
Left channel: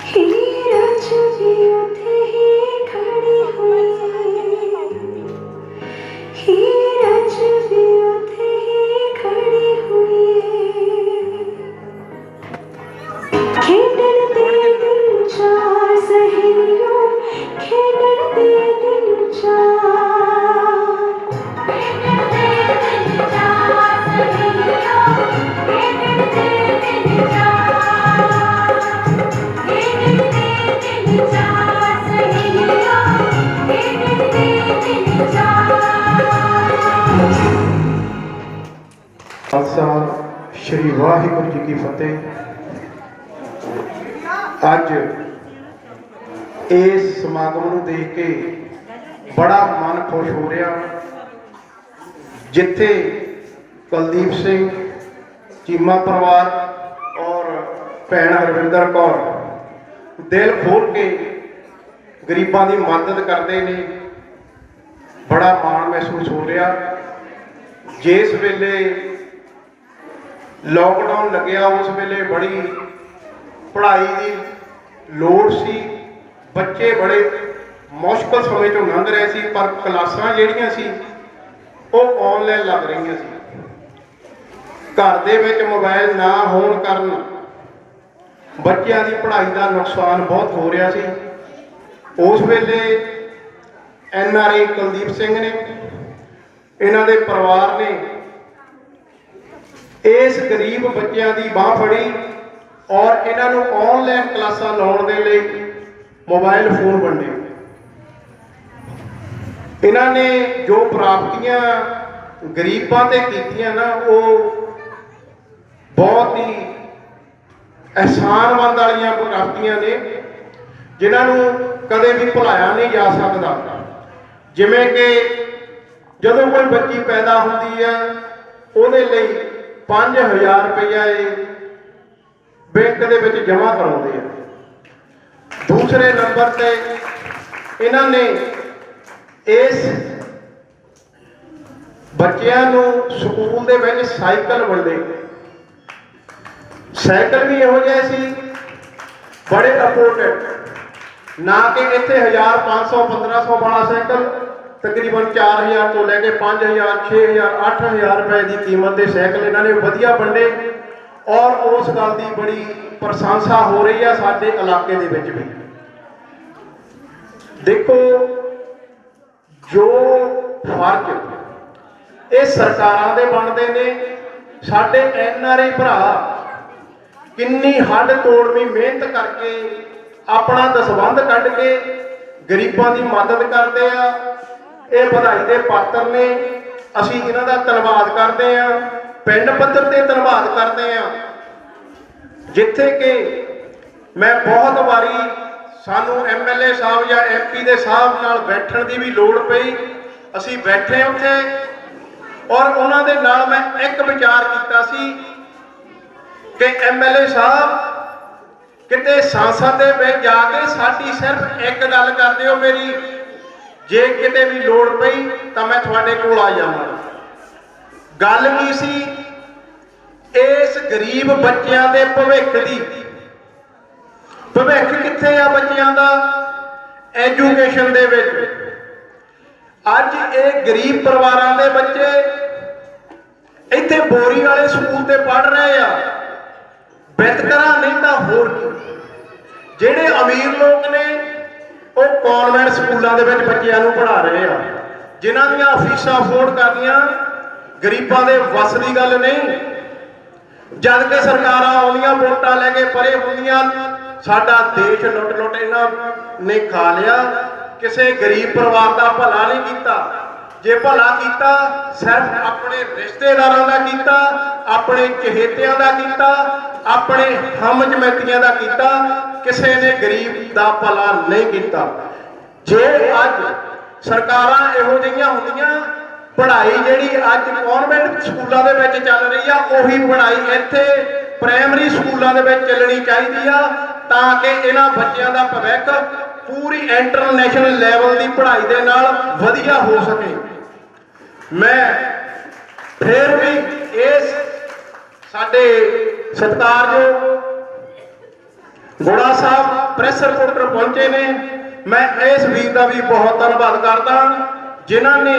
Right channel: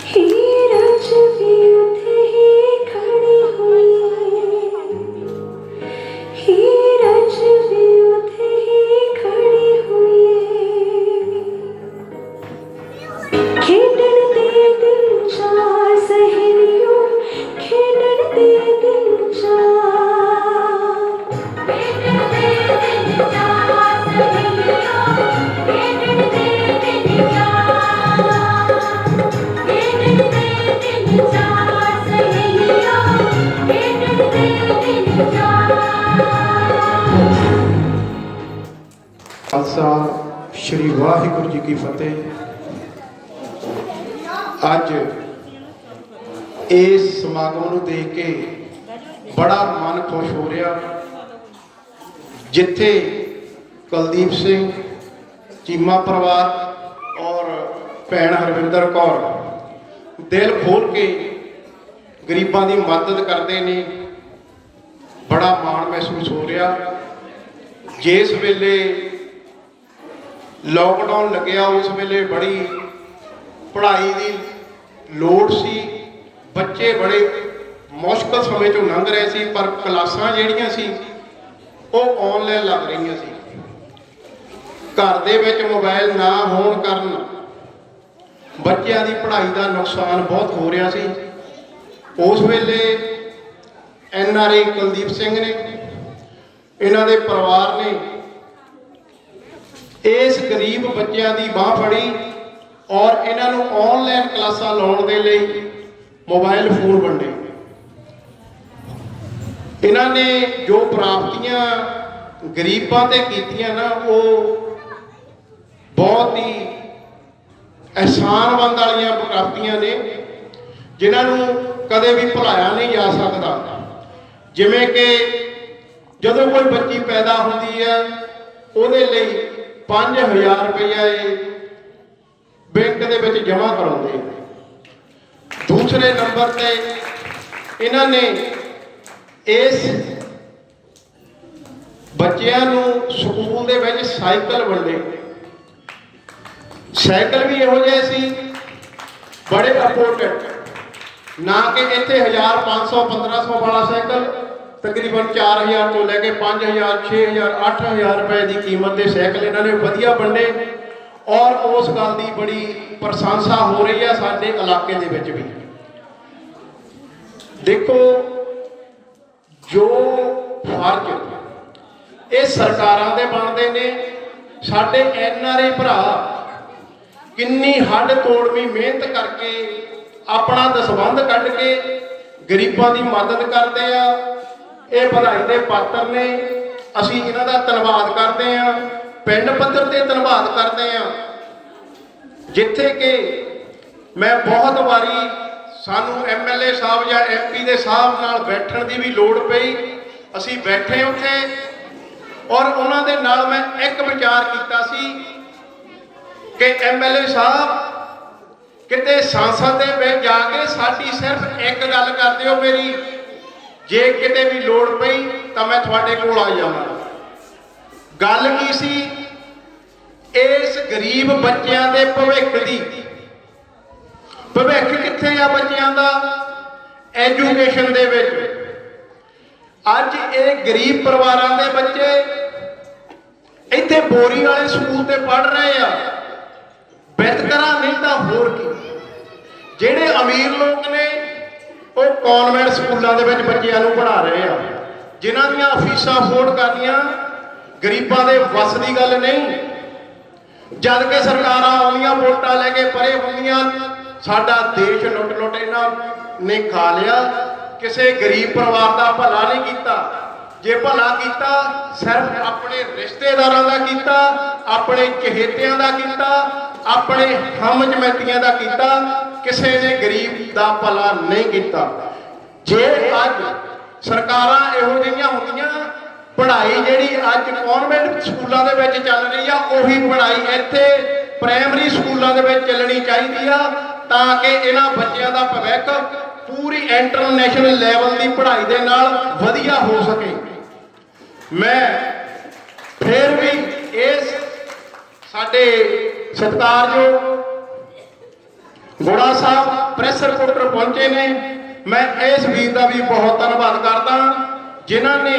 ਹੀਰ ਅੱਜ ਵੀ ਉੱਥੇ ਹੀ ਖੜੀ ਹੋਈ ਹੀਰ ਅੱਜ ਵੀ ਉੱਥੇ ਹੀ ਖੜੀ ਹੋਈ ਖੇਡਣ ਦੇ ਦਿਲ ਚਾਰ ਸਹੇਲੀਆਂ ਖੇਡਣ ਦੇ ਦਿਲ ਚਾਰ ਖੇਡਣ ਦੇ ਦਿਲ ਚਾਰ ਸਹੇਲੀਆਂ ਖੇਡਣ ਦੇ ਦਿਲ ਚਾਰ ਖੇਡਣ ਦੇ ਦਿਲ ਚਾਰ ਸਹੇਲੀਆਂ ਖੇਡਣ ਦੇ ਦਿਲ ਚਾਰ ਖਾਲਸਾ ਸ਼੍ਰੀ ਵਾਹਿਗੁਰੂ ਜੀ ਕੀ ਫਤਿਹ। ਅੱਜ ਇਸ ਸਮਾਗਮ ਨੂੰ ਦੇਖ ਕੇ ਬੜਾ ਮਨ ਖੁਸ਼ ਹੋ ਰਿਹਾ ਜਿੱਥੇ ਕੁਲਦੀਪ ਸਿੰਘ ਚੀਮਾ ਪਰਿਵਾਰ ਔਰ ਭੈਣ ਹਰਵਿੰਦਰ ਕੌਰ ਦਿਲ ਖੋਲ ਕੇ ਗਰੀਬਾਂ ਦੀ ਮਦਦ ਕਰਦੇ ਨੇ ਬੜਾ ਮਾਣ ਮਹਿਸੂਸ ਹੋ ਰਿਹਾ। ਜਿਸ ਵੇਲੇ ਲੋਕਡਾਊਨ ਲੱਗਿਆ ਉਸ ਵੇਲੇ ਬੜੀ ਪੜ੍ਹਾਈ ਦੀ ਲੋੜ ਸੀ ਬੱਚੇ ਬੜੇ ਮੁਸ਼ਕਲ ਸਮੇਂ ਚੋਂ ਲੰਘ ਰਹੇ ਸੀ ਪਰ ਕਲਾਸਾਂ ਜਿਹੜੀਆਂ ਸੀ ਉਹ ਆਨਲਾਈਨ ਲੱਗ ਰਹੀਆਂ ਸੀ। ਘਰ ਦੇ ਵਿੱਚ ਮੋਬਾਈਲ ਨਾ ਹੋਣ ਕਾਰਨ ਬੱਚਿਆਂ ਦੀ ਪੜ੍ਹਾਈ ਦਾ ਨੁਕਸਾਨ ਬਹੁਤ ਹੋ ਰਿਹਾ ਸੀ। ਉਸ ਵੇਲੇ NRI ਕੁਲਦੀਪ ਸਿੰਘ ਨੇ ਇਹਨਾਂ ਦੇ ਪਰਿਵਾਰ ਨੇ ਇਸ ਗਰੀਬ ਬੱਚਿਆਂ ਦੀ ਬਾਹ ਫੜੀ ਔਰ ਇਹਨਾਂ ਨੂੰ ਆਨਲਾਈਨ ਕਲਾਸਾਂ ਲਾਉਣ ਦੇ ਲਈ ਮੋਬਾਈਲ ਫੋਨ ਵੰਡੇ। ਇਹਨਾਂ ਨੇ ਜੋ ਪ੍ਰਾਪਤੀਆਂ ਗਰੀਬਾਂ ਤੇ ਕੀਤੀਆਂ ਨਾ ਉਹ ਬਹੁਤ ਹੀ ਅਹਿਸਾਨਮੰਦ ਵਾਲੀਆਂ ਪ੍ਰਾਪਤੀਆਂ ਨੇ ਜਿਨ੍ਹਾਂ ਨੂੰ ਕਦੇ ਵੀ ਭੁਲਾਇਆ ਨਹੀਂ ਜਾ ਸਕਦਾ। ਜਿਵੇਂ ਕਿ ਜਦੋਂ ਕੋਈ ਬੱਚੀ ਪੈਦਾ ਹੁੰਦੀ ਹੈ ਉਹਦੇ ਲਈ 5000 ਰੁਪਇਆ ਇਹ ਬੈਂਕ ਦੇ ਵਿੱਚ ਜਮ੍ਹਾਂ ਕਰਾਉਂਦੇ ਆ। ਦੂਸਰੇ ਨੰਬਰ ਤੇ ਇਹਨਾਂ ਨੇ ਇਸ ਬੱਚਿਆਂ ਨੂੰ ਸਕੂਲ ਦੇ ਵਿੱਚ ਸਾਈਕਲ ਵੰਡੇ। ਸਾਈਕਲ ਵੀ ਇਹੋ ਜਿਹੇ ਸੀ ਬੜੇ ਅਫੋਰਡਡ ਨਾ ਕਿ ਇੱਥੇ 1500 1500 ਵਾਲਾ ਸਾਈਕਲ ਤਕਰੀਬਨ 4000 ਤੋਂ ਲੈ ਕੇ 5000 6000 8000 ਰੁਪਏ ਦੀ ਕੀਮਤ ਦੇ ਸਾਈਕਲ ਇਹਨਾਂ ਨੇ ਵਧੀਆ ਵੰਡੇ ਔਰ ਉਸ ਗੱਲ ਦੀ ਬੜੀ ਪ੍ਰਸ਼ੰਸਾ ਹੋ ਰਹੀ ਹੈ ਸਾਡੇ ਇਲਾਕੇ ਦੇ ਵਿੱਚ ਵੀ। ਦੇਖੋ ਜੋ ਫਰਜ਼ ਇਹ ਸਰਕਾਰਾਂ ਦੇ ਬਣਦੇ ਨੇ। ਸਾਡੇ NRI ਭਰਾ ਕਿੰਨੀ ਹੱਡ ਤੋੜਵੀਂ ਮਿਹਨਤ ਕਰਕੇ ਆਪਣਾ ਦਸਵੰਧ ਕੱਢ ਕੇ ਗਰੀਬਾਂ ਦੀ ਮਦਦ ਕਰਦੇ ਆ। ਇਹ ਵਧਾਈ ਦੇ ਪਾਤਰ ਨੇ। ਅਸੀਂ ਇਹਨਾਂ ਦਾ ਧੰਨਵਾਦ ਕਰਦੇ ਆ, ਪਿੰਡ ਪੱਧਰ ਤੇ ਧੰਨਵਾਦ ਕਰਦੇ ਆ। ਜਿੱਥੇ ਕਿ ਮੈਂ ਬਹੁਤ ਵਾਰੀ ਸਾਨੂੰ MLA ਸਾਹਿਬ ਜਾਂ MP ਦੇ ਸਾਹਿਬ ਨਾਲ ਬੈਠਣ ਦੀ ਵੀ ਲੋੜ ਪਈ, ਅਸੀਂ ਬੈਠੇ ਉੱਥੇ ਔਰ ਉਹਨਾਂ ਦੇ ਨਾਲ ਮੈਂ ਇੱਕ ਵਿਚਾਰ ਕੀਤਾ ਸੀ ਕਿ MLA ਸਾਹਿਬ ਕਿਤੇ ਸੰਸਦ ਦੇ ਵਿੱਚ ਜਾ ਕੇ ਸਾਡੀ ਸਿਰਫ ਇੱਕ ਗੱਲ ਕਰ ਦਿਓ ਮੇਰੀ, ਜੇ ਕਿਤੇ ਵੀ ਲੋੜ ਪਈ ਤਾਂ ਮੈਂ ਤੁਹਾਡੇ ਕੋਲ ਆ ਜਾਵਾਂ। ਗੱਲ ਕੀ ਸੀ? ਇਸ ਗਰੀਬ ਬੱਚਿਆਂ ਦੇ ਭਵਿੱਖ ਦੀ। ਭਵਿੱਖ ਕਿੱਥੇ ਆ ਬੱਚਿਆਂ ਦਾ? ਐਜੂਕੇਸ਼ਨ ਦੇ ਵਿੱਚ। ਅੱਜ ਇਹ ਗਰੀਬ ਪਰਿਵਾਰਾਂ ਦੇ ਬੱਚੇ ਇੱਥੇ ਬੋਰੀ ਵਾਲੇ ਸਕੂਲ ਤੇ ਪੜ੍ਹ ਰਹੇ ਆ, ਬਿਤਕਰਾ ਨਹੀਂ ਤਾਂ ਹੋਰ ਕੀ। ਜਿਹੜੇ ਅਮੀਰ ਲੋਕ ਨੇ ਉਹ ਕਨਵੈਂਟ ਸਕੂਲਾਂ ਦੇ ਵਿੱਚ ਬੱਚਿਆਂ ਨੂੰ ਪੜ੍ਹਾ ਰਹੇ ਆ, ਜਿਨ੍ਹਾਂ ਦੀਆਂ ਫੀਸਾਂ ਅਫੋਰਡ ਕਰਨੀਆਂ ਗਰੀਬਾਂ ਦੇ ਵੱਸ ਦੀ ਗੱਲ ਨਹੀਂ। ਜਦ ਕਿ ਸਰਕਾਰਾਂ ਆਉਂਦੀਆਂ ਵੋਟਾਂ ਲੈ ਕੇ ਪਰੇ ਹੁੰਦੀਆਂ, ਸਾਡਾ ਦੇਸ਼ ਲੁੱਟ ਇਹਨਾਂ ਨੇ ਖਾ ਲਿਆ। ਕਿਸੇ ਗਰੀਬ ਪਰਿਵਾਰ ਦਾ ਭਲਾ ਨਹੀਂ ਕੀਤਾ। ਜੇ ਭਲਾ ਕੀਤਾ ਸਿਰਫ ਆਪਣੇ ਰਿਸ਼ਤੇਦਾਰਾਂ ਦਾ ਕੀਤਾ, ਆਪਣੇ ਚਹੇਤਿਆਂ ਦਾ ਕੀਤਾ, ਆਪਣੇ ਹਮਜਮੈਤੀਆਂ ਦਾ ਕੀਤਾ, ਕਿਸੇ ਨੇ ਗਰੀਬ ਦਾ ਭਲਾ ਨਹੀਂ ਕੀਤਾ। ਜੇ ਅੱਜ ਸਰਕਾਰਾਂ ਇਹੋ ਜਿਹੀਆਂ ਹੁੰਦੀਆਂ, ਪੜ੍ਹਾਈ ਜਿਹੜੀ ਅੱਜ ਕਨਵੈਂਟ ਸਕੂਲਾਂ ਦੇ ਵਿੱਚ ਚੱਲ ਰਹੀ ਆ, ਉਹੀ ਪੜ੍ਹਾਈ ਇੱਥੇ ਪ੍ਰਾਇਮਰੀ ਸਕੂਲਾਂ ਦੇ ਵਿੱਚ ਚੱਲਣੀ ਚਾਹੀਦੀ ਆ, ਤਾਂ ਕਿ ਇਹਨਾਂ ਬੱਚਿਆਂ ਦਾ ਭਵਿੱਖ ਪੂਰੀ ਇੰਟਰਨੈਸ਼ਨਲ ਲੈਵਲ ਦੀ ਪੜ੍ਹਾਈ ਦੇ ਨਾਲ ਵਧੀਆ ਹੋ ਸਕੇ। ਮੈਂ ਫਿਰ ਵੀ ਇਸ ਸਾਡੇ ਸਤਿਕਾਰਯੋਗ ਗੋੜਾ ਸਾਹਿਬ ਪ੍ਰੈਸ ਰਿਪੋਰਟਰ ਪਹੁੰਚੇ ਨੇ, ਮੈਂ ਇਸ ਵੀਰ ਦਾ ਵੀ ਬਹੁਤ ਧੰਨਵਾਦ ਕਰਦਾ ਜਿਨ੍ਹਾਂ ਨੇ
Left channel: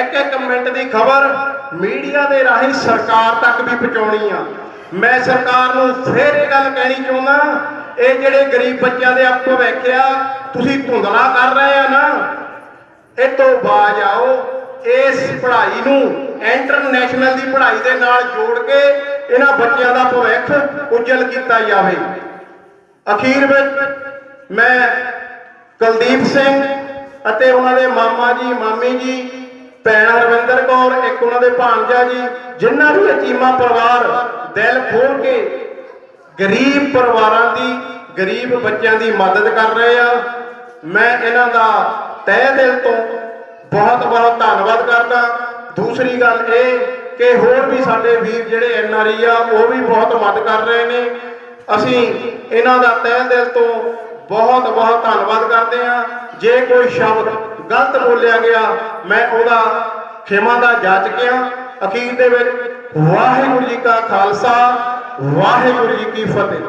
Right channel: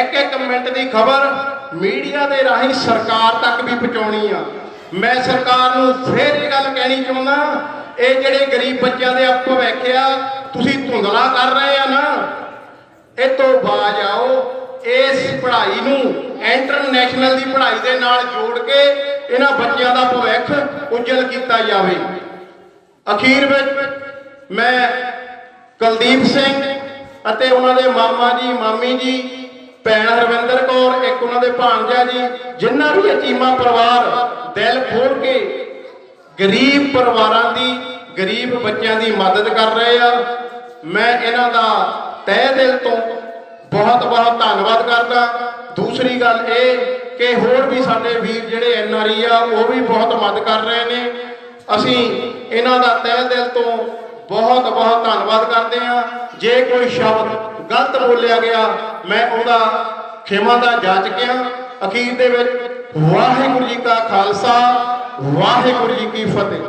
ਇੱਕ ਮਿੰਟ ਦੀ ਖਬਰ ਮੀਡੀਆ ਦੇ ਰਾਹੀਂ ਸਰਕਾਰ ਤੱਕ ਵੀ ਪਹੁੰਚਾਉਣੀ ਆ। ਮੈਂ ਸਰਕਾਰ ਨੂੰ ਫਿਰ ਇਹ ਗੱਲ ਕਹਿਣੀ ਚਾਹੁੰਦਾ, ਇਹ ਜਿਹੜੇ ਗਰੀਬ ਬੱਚਿਆਂ ਦੇ ਭਵਿੱਖ ਆ ਤੁਸੀਂ ਧੁੰਦਲਾ ਕਰ ਰਹੇ ਆ ਨਾ, ਇਹ ਤੋਂ ਬਾਜ ਆਓ। ਇਸ ਪੜ੍ਹਾਈ ਨੂੰ ਇੰਟਰਨੈਸ਼ਨਲ ਦੀ ਪੜ੍ਹਾਈ ਦੇ ਨਾਲ ਜੋੜ ਕੇ ਇਹਨਾਂ ਬੱਚਿਆਂ ਦਾ ਭਵਿੱਖ ਉਜਲ ਕੀਤਾ ਜਾਵੇ। ਅਖੀਰ ਵਿੱਚ ਮੈਂ ਕੁਲਦੀਪ ਸਿੰਘ ਅਤੇ ਉਹਨਾਂ ਦੇ ਮਾਮਾ ਜੀ, ਮਾਮੀ ਜੀ, ਭੈਣ ਹਰਵਿੰਦਰ ਕੌਰ, ਇੱਕ ਉਹਨਾਂ ਦੇ ਭਾਣਜਾ ਜੀ, ਜਿਨ੍ਹਾਂ ਵੀ ਚੀਮਾ ਪਰਿਵਾਰ ਦਿਲ ਖੋਲ ਕੇ ਗਰੀਬ ਪਰਿਵਾਰਾਂ ਦੀ, ਗਰੀਬ ਬੱਚਿਆਂ ਦੀ ਮਦਦ ਕਰ ਰਹੇ ਆ, ਮੈਂ ਇਹਨਾਂ ਦਾ ਤਹਿ ਦਿਲ ਤੋਂ ਬਹੁਤ ਬਹੁਤ ਧੰਨਵਾਦ ਕਰਦਾ। ਦੂਸਰੀ ਗੱਲ ਇਹ ਕਿ ਹੋਰ ਵੀ ਸਾਡੇ ਵੀਰ ਜਿਹੜੇ NRI ਆ ਉਹ ਵੀ ਬਹੁਤ ਮਦਦ ਕਰ ਰਹੇ ਨੇ। ਅਸੀਂ ਇਹਨਾਂ ਦਾ ਤਹਿ ਦਿਲ ਤੋਂ ਬਹੁਤ ਬਹੁਤ ਧੰਨਵਾਦ ਕਰਦੇ ਹਾਂ। ਜੇ ਕੋਈ ਸ਼ਬਦ ਗਲਤ ਬੋਲਿਆ ਗਿਆ ਮੈਂ ਉਹਦਾ ਖਿਮਾ ਦਾ ਜਾਚਕਿਆ। ਅਖੀਰ ਦੇ ਵਿੱਚ ਵਾਹਿਗੁਰੂ ਜੀ ਕਾ ਖਾਲਸਾ, ਵਾਹਿਗੁਰੂ ਜੀ ਕੀ ਫਤਿਹ।